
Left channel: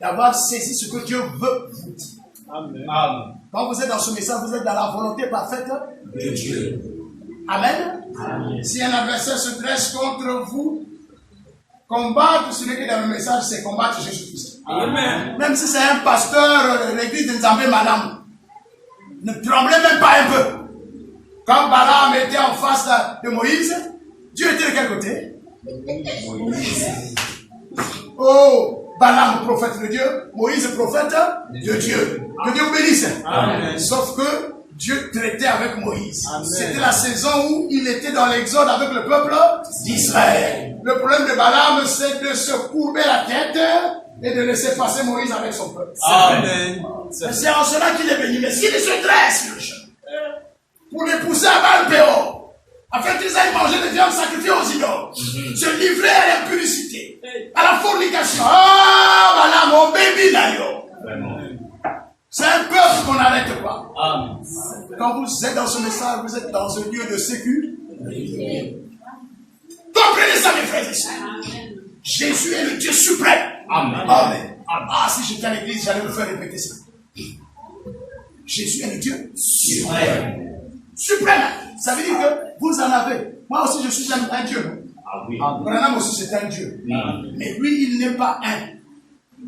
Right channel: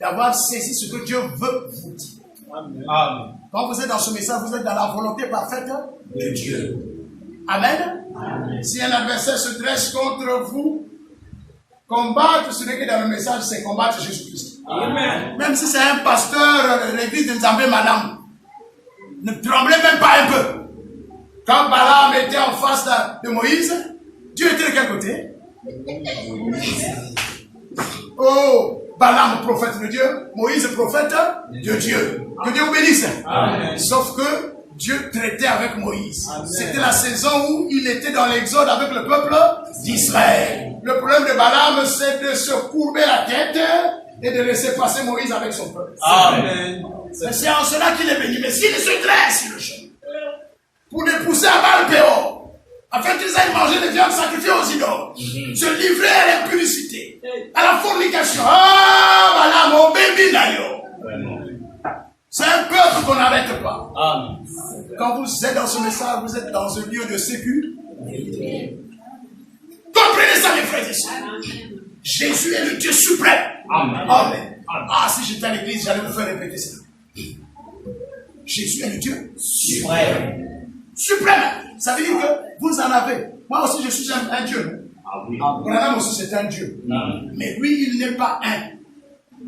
d'avoir saisi ce que Dieu veut vous dire. Amen. Amen. Quand vous êtes dans ce message, vous êtes dans la volonté parfaite de Dieu. Amen. Amen. Si un adversaire se dresse contre vous, combattre celui qui est dans le message, c'est combattre Jésus-Christ. Amen. Même si c'est un pasteur de l'église de Nzambé Madame, ne tremblez même pas un peu. Quand Balaam était en face de Moïse, Dieu était de quel côté? Oh, Balaam, prophète de Dieu, Moïse, prophète de Dieu. Que Dieu vous bénisse. Amen. Sauf que Dieu traitait avec Moïse. C'était la saison où il était dans l'exode avec le peuple d'Israël. Le problème de Balaam, c'est de se courber la tête et de laisser passer Moïse avec son peuple. Amen. C'est en cela qu'il est béni. Mais s'il se dresse sur le chemin pour les pousser à Baal-Péor, afin qu'ils aillent manger des viandes sacrifiées aux idoles, se livrer à l'impudicité, à la fornication. Ah, voilà mon bébé d'ailleurs. C'est un peuple qu'on n'arrête pas. Amen. Quand vous êtes dans ce message, vous êtes dans un lieu de sécurité. Comprenez ça, mes frères et sœurs. Jésus est le Dieu suprême. Amen. Amen. Ah, si j'étais à l'église, j'allais vous faire répéter ça. Jésus est le Dieu suprême. Suprême. Ça veut dire que vous en avez. Moi aussi, je suis un Dieu. Ah oui. Branham aussi, c'est un Dieu. Mais lui, il n'est pas un.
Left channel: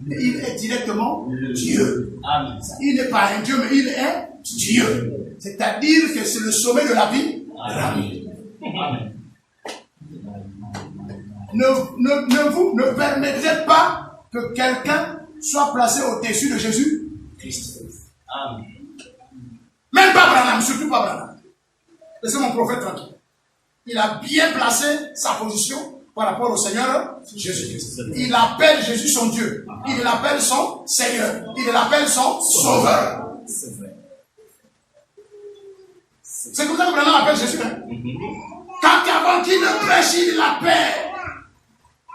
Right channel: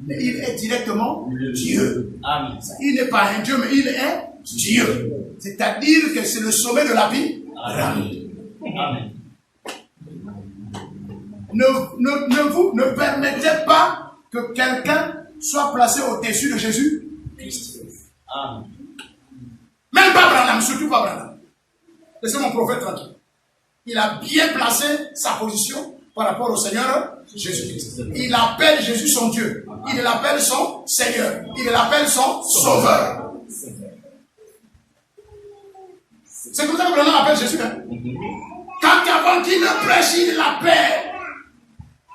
Mais il est directement Dieu. Amen. Il n'est pas un Dieu, mais il est Dieu. C'est-à-dire que c'est le sommet de la vie. Amen. Ne permettez pas que quelqu'un soit placé au-dessus de Jésus-Christ. Amen. Même pas Branham, surtout pas Branham. Laissez mon prophète tranquille. Il a bien placé sa position par rapport au Seigneur Jésus-Christ. Il appelle Jésus son Dieu. Il l'appelle son Seigneur. Il l'appelle son Sauveur. C'est comme ça que Branham appelle Jésus. Hein? Quand avant qu'il ne prêche, il l'appelle.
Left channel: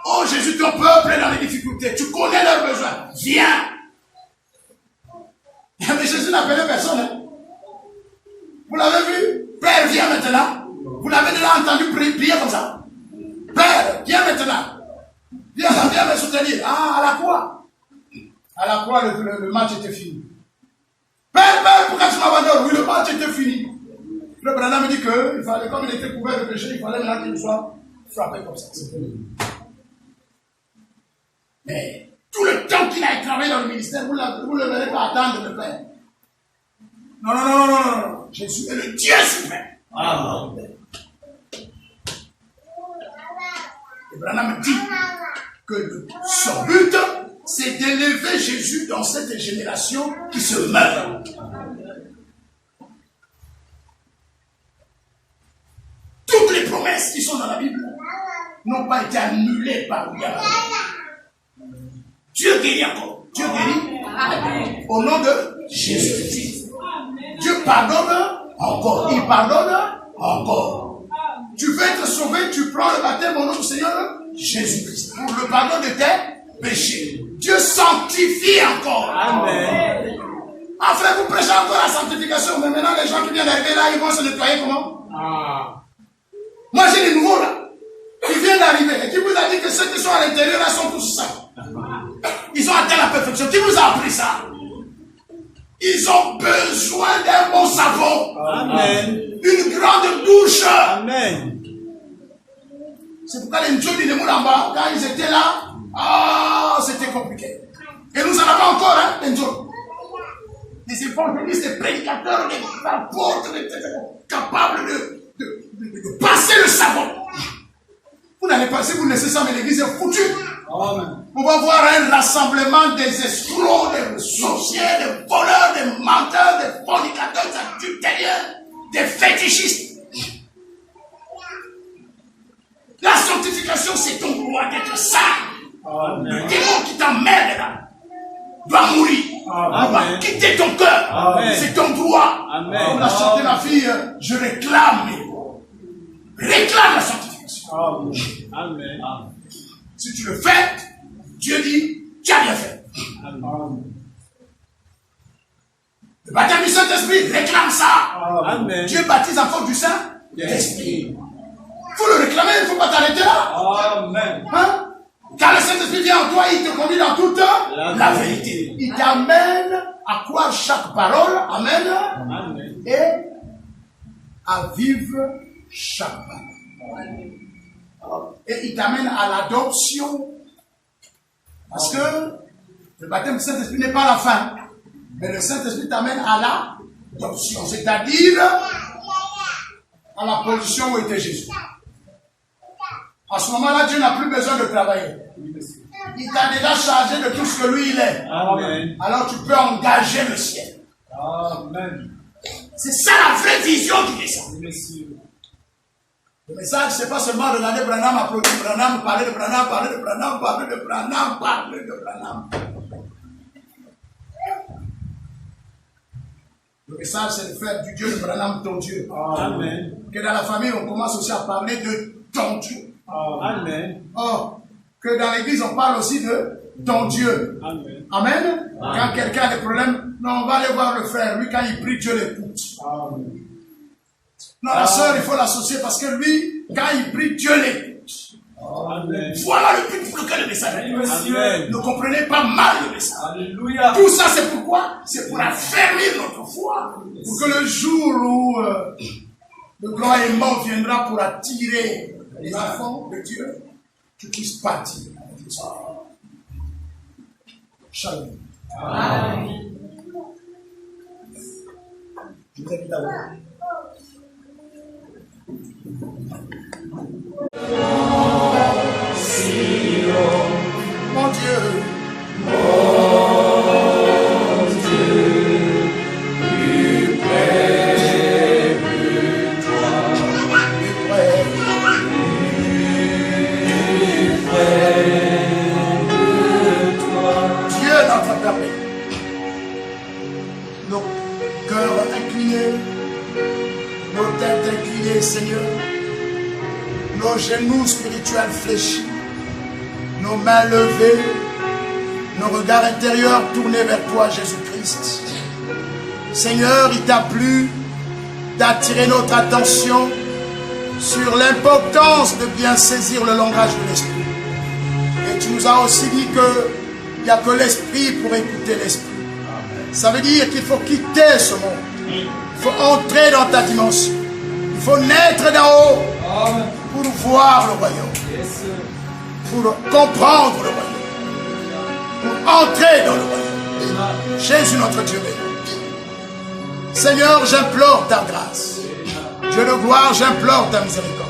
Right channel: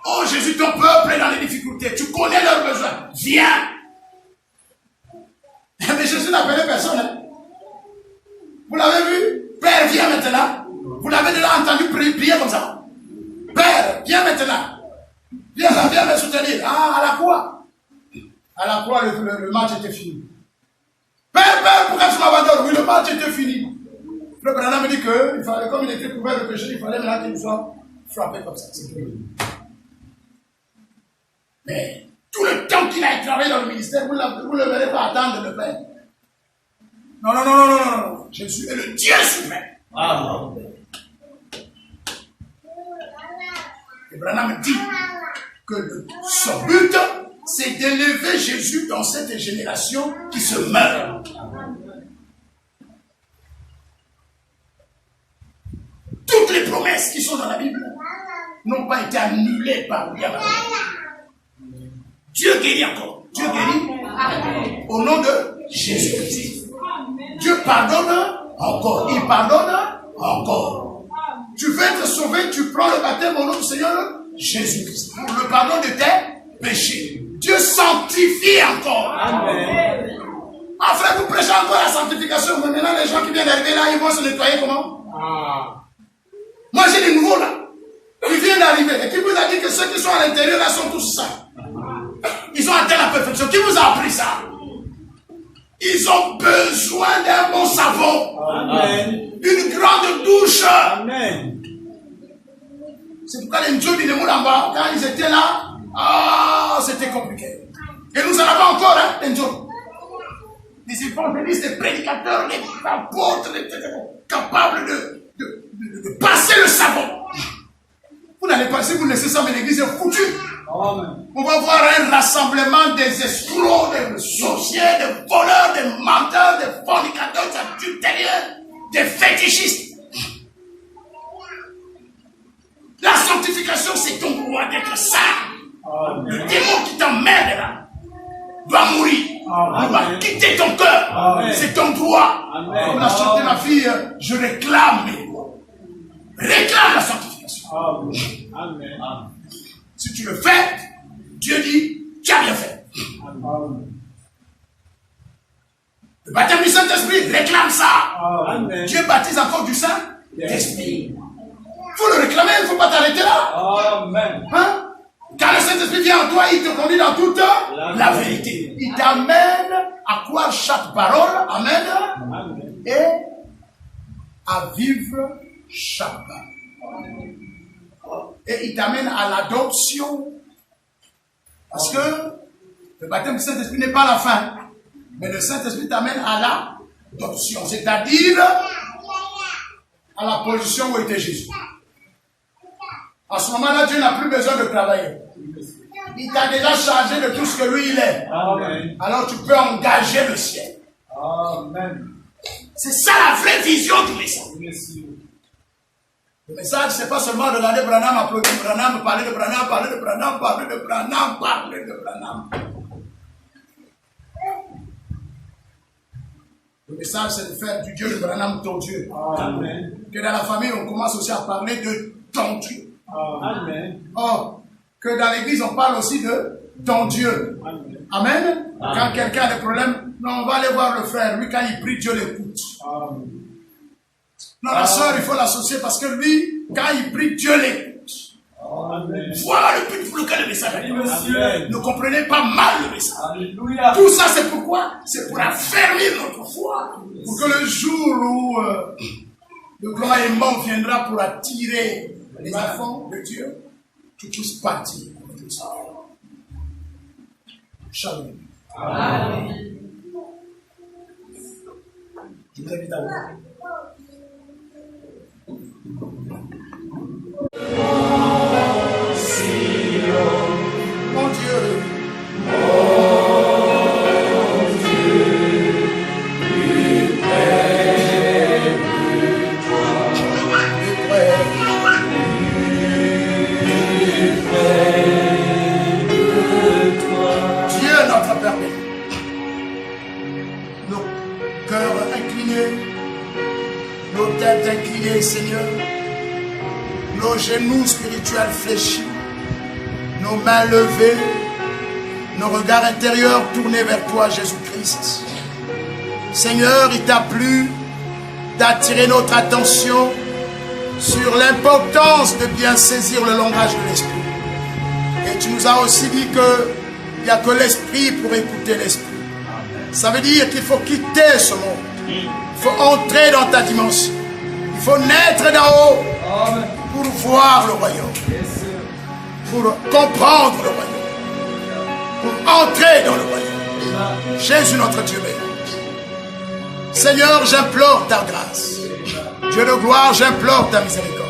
Oh Jésus, ton peuple est dans les difficultés. Tu connais leurs besoins. Viens. Mais Jésus n'appelait personne. Hein? Vous l'avez vu? Père, viens maintenant. Vous l'avez déjà entendu prier comme ça. Père, viens maintenant. Viens là, viens me soutenir. Ah, à la croix. À la croix, le match était fini. Père, pourquoi tu m'abandonnes? Oui, le match était fini. Le président me dit que, il fallait, comme il était couvert de péché, il fallait maintenant qu'il soit frappé comme ça. Mais tout le temps qu'il a travaillé dans le ministère, vous ne le verrez pas attendre le Père. Non. Jésus est le Dieu suprême. Amen. Et Branham dit que son but, c'est d'élever Jésus dans cette génération qui se meurt. Toutes les promesses qui sont dans la Bible n'ont pas été annulées par Dieu. Dieu guérit encore. Dieu guérit au nom de Jésus-Christ. Dieu pardonne encore. Il pardonne encore. Tu veux être sauvé, tu prends le baptême au nom du Seigneur Jésus-Christ pour le pardon de tes péchés. Dieu sanctifie encore. Amen. Ah frère, vous prêchez encore la sanctification, mais maintenant les gens qui viennent d'arriver là, ils vont se nettoyer comment? Moi j'ai des nouveaux là. Ils viennent d'arriver. Et qui vous a dit que ceux qui sont à l'intérieur là sont tous ça? Ils ont atteint la perfection. Qui vous a appris ça? Ils ont besoin d'un bon savon. Amen. Une grande douche. Amen. C'est pourquoi les Ndjoli de Moulamba, quand ils étaient là, c'était compliqué. Et nous en avons encore, hein, les Ndjoli. Des évangélistes, des prédicateurs, des apôtres, capables de passer le savon. Vous n'allez pas, si vous laissez ça, mais l'église est foutue. Amen. On va voir un rassemblement des escrocs, des sorciers, des voleurs, des menteurs, des fornicateurs, des adultérieurs, des fétichistes. La sanctification, c'est ton droit d'être saint. Le démon qui t'emmerde là doit mourir. Doit quitter ton cœur. C'est ton droit. Comme l'a chanté la fille, je réclame. Réclame la sanctification. Amen. Si tu le fais, Dieu dit, tu as bien fait. Le baptême du Saint-Esprit, réclame ça. Amen. Dieu baptise encore du Saint-Esprit. Il faut le réclamer, il ne faut pas t'arrêter là. Amen. Hein? Quand le Saint-Esprit vient en toi, il te conduit dans toute la vérité. Il t'amène à croire chaque parole. Amen. Amen. Et à vivre chaque parole. Et il t'amène à l'adoption. Parce que le baptême du Saint-Esprit n'est pas la fin. Mais le Saint-Esprit t'amène à l'adoption. C'est-à-dire à la position où était Jésus. À ce moment-là, Dieu n'a plus besoin de travailler. Il t'a déjà chargé de tout ce que lui il est. Amen. Alors tu peux engager le ciel. Amen. C'est ça la vraie vision du message. Monsieur. Le message, c'est pas seulement regarder Branham, applaudir Branham, parler de Branham, parler de Branham, parler de Branham, parler de Branham. Le message, c'est de faire du Dieu de Branham ton Dieu. Amen. Que dans la famille, on commence aussi à parler de ton Dieu. Amen. Or, que dans l'église, on parle aussi de ton Dieu. Amen. Amen. Quand quelqu'un a des problèmes, non, on va aller voir le frère. Lui, quand il prie, Dieu l'écoute. Amen. Non, la sœur, il faut l'associer parce que lui, quand il prie, Dieu l'écoute. Amen. Voilà le but pour lequel le message est. Monsieur. Ne comprenez pas mal le message. Alléluia. Tout ça, c'est pourquoi? C'est pour affermir notre foi. Pour que le jour où le grand aimant viendra pour attirer les enfants de Dieu, tu puisses partir avec le Seigneur. Shalom. Amen. Je vous invite à voir. Mon Dieu. Seigneur, nos genoux spirituels fléchis, nos mains levées, nos regards intérieurs tournés vers toi, Jésus-Christ. Seigneur, il t'a plu d'attirer notre attention sur l'importance de bien saisir le langage de l'Esprit. Et tu nous as aussi dit qu'il n'y a que l'Esprit pour écouter l'Esprit. Ça veut dire qu'il faut quitter ce monde. Il faut entrer dans ta dimension. Il faut naître d'en haut pour voir le royaume, pour comprendre le royaume, pour entrer dans le royaume. Jésus notre Dieu béni. Seigneur, j'implore ta grâce. Dieu de gloire, j'implore ta miséricorde.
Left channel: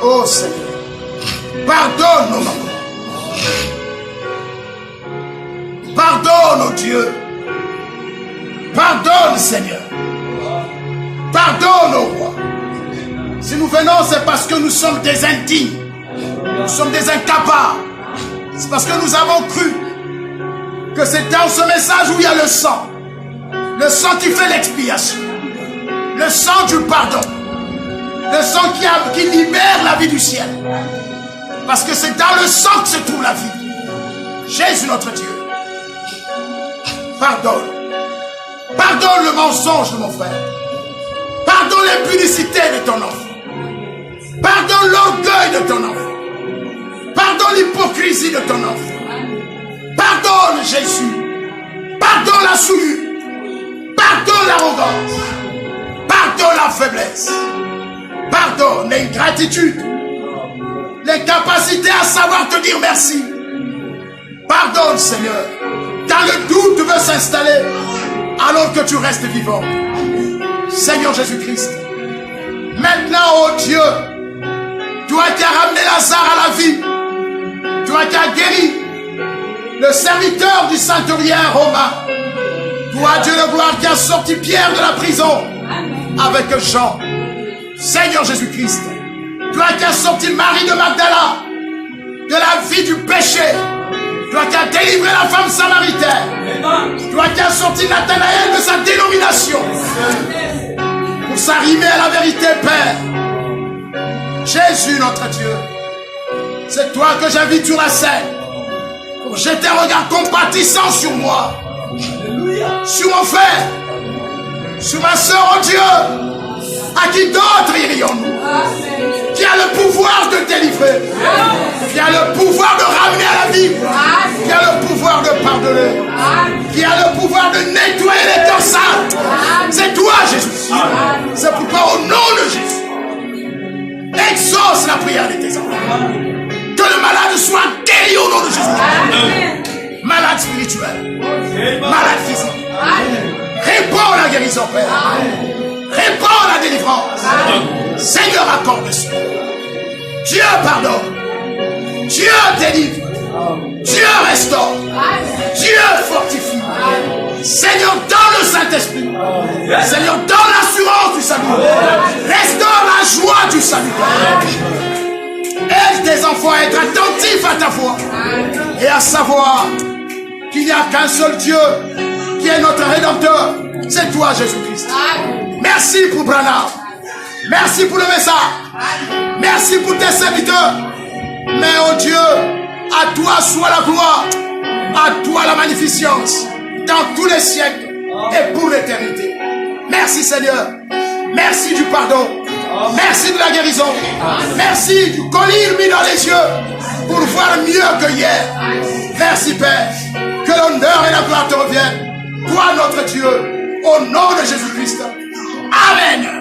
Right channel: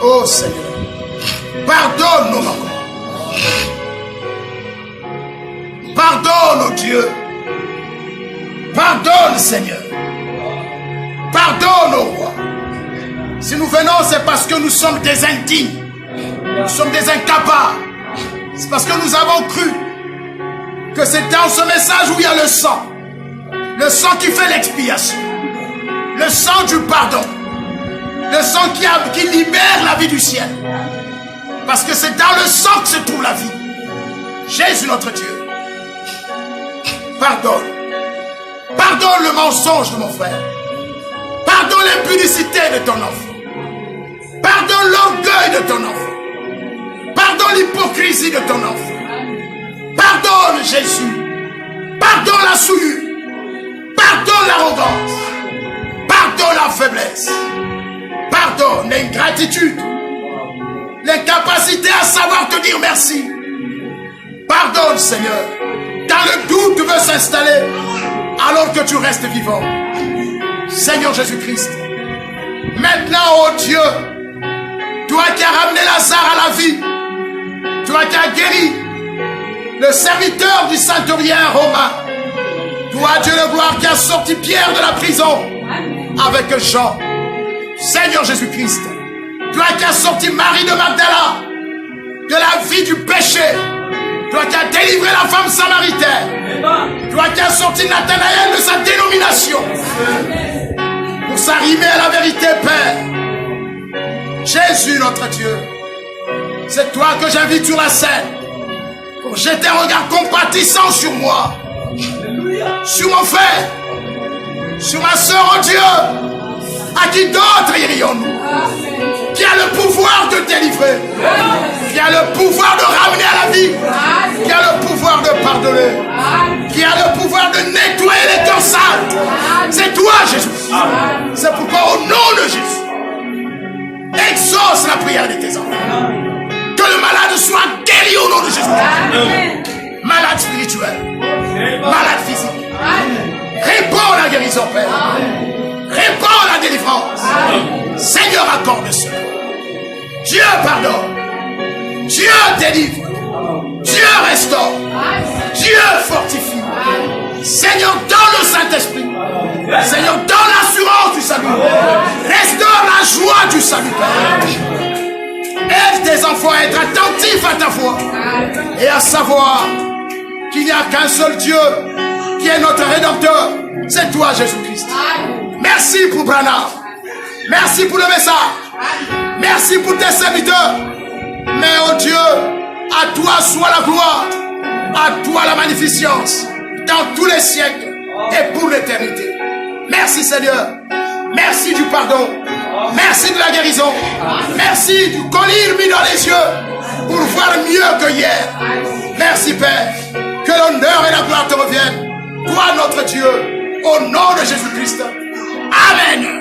Oh Seigneur, pardonne nos manquements. Pardonne, oh Dieu. Pardonne, Seigneur. Pardonne, ô roi. Si nous venons, c'est parce que nous sommes des indignes. Nous sommes des incapables. C'est parce que nous avons cru que c'est dans ce message où il y a le sang. Le sang qui fait l'expiation. Le sang du pardon. Le sang qui libère la vie du ciel. Parce que c'est dans le sang que se trouve la vie. Jésus notre Dieu. Pardonne. Pardonne le mensonge de mon frère. Pardonne l'impudicité de ton enfant. Pardonne l'orgueil de ton enfant. Pardonne l'hypocrisie de ton enfant. Pardonne Jésus. Pardonne la souillure. Pardonne l'arrogance. Pardonne la faiblesse. Pardonne l'ingratitude. L'incapacité à savoir te dire merci. Pardonne Seigneur. Quand le doute veut s'installer alors que tu restes vivant. Seigneur Jésus-Christ, maintenant, oh Dieu, Toi qui as ramené Lazare à la vie. Toi qui as guéri le serviteur du centurion romain. Toi, Dieu de gloire, qui as sorti Pierre de la prison avec Jean. Seigneur Jésus-Christ. Toi qui as sorti Marie de Magdala de la vie du péché. Toi qui as délivré la femme samaritaine. Toi qui as sorti Nathanaël de sa dénomination. Pour s'arrimer à la vérité, Père. Jésus, notre Dieu. C'est toi que j'invite sur la scène. Pour jeter un regard compatissant sur moi. Sur mon frère. Sur ma soeur, oh Dieu. À qui d'autre irions-nous? Qui a le pouvoir de délivrer, qui a le pouvoir de ramener à la vie, qui a le pouvoir de pardonner, qui a le pouvoir de nettoyer les cœurs sales. C'est toi, Jésus. C'est pourquoi au nom de Jésus, exauce la prière de tes enfants. Que le malade soit guéri au nom de Jésus. Malade spirituel, malade physique. Réponds la guérison, Père. Réponds la délivrance. Seigneur, accorde cela. Dieu pardonne. Dieu délivre. Dieu restaure. Dieu fortifie. Seigneur, donne le Saint-Esprit. Seigneur, donne l'assurance du salut. Restaure la joie du salut. Aide tes enfants à être attentifs à ta voix et à savoir qu'il n'y a qu'un seul Dieu qui est notre Rédempteur. C'est toi, Jésus-Christ. Merci pour Branham. Merci pour le message. Merci pour tes serviteurs. Mais oh Dieu, à toi soit la gloire, à toi la magnificence, dans tous les siècles et pour l'éternité. Merci Seigneur. Merci du pardon. Merci de la guérison. Merci du collier mis dans les yeux pour voir mieux que hier. Merci Père. Que l'honneur et la gloire te reviennent. Toi notre Dieu, au nom de Jésus-Christ. Amen.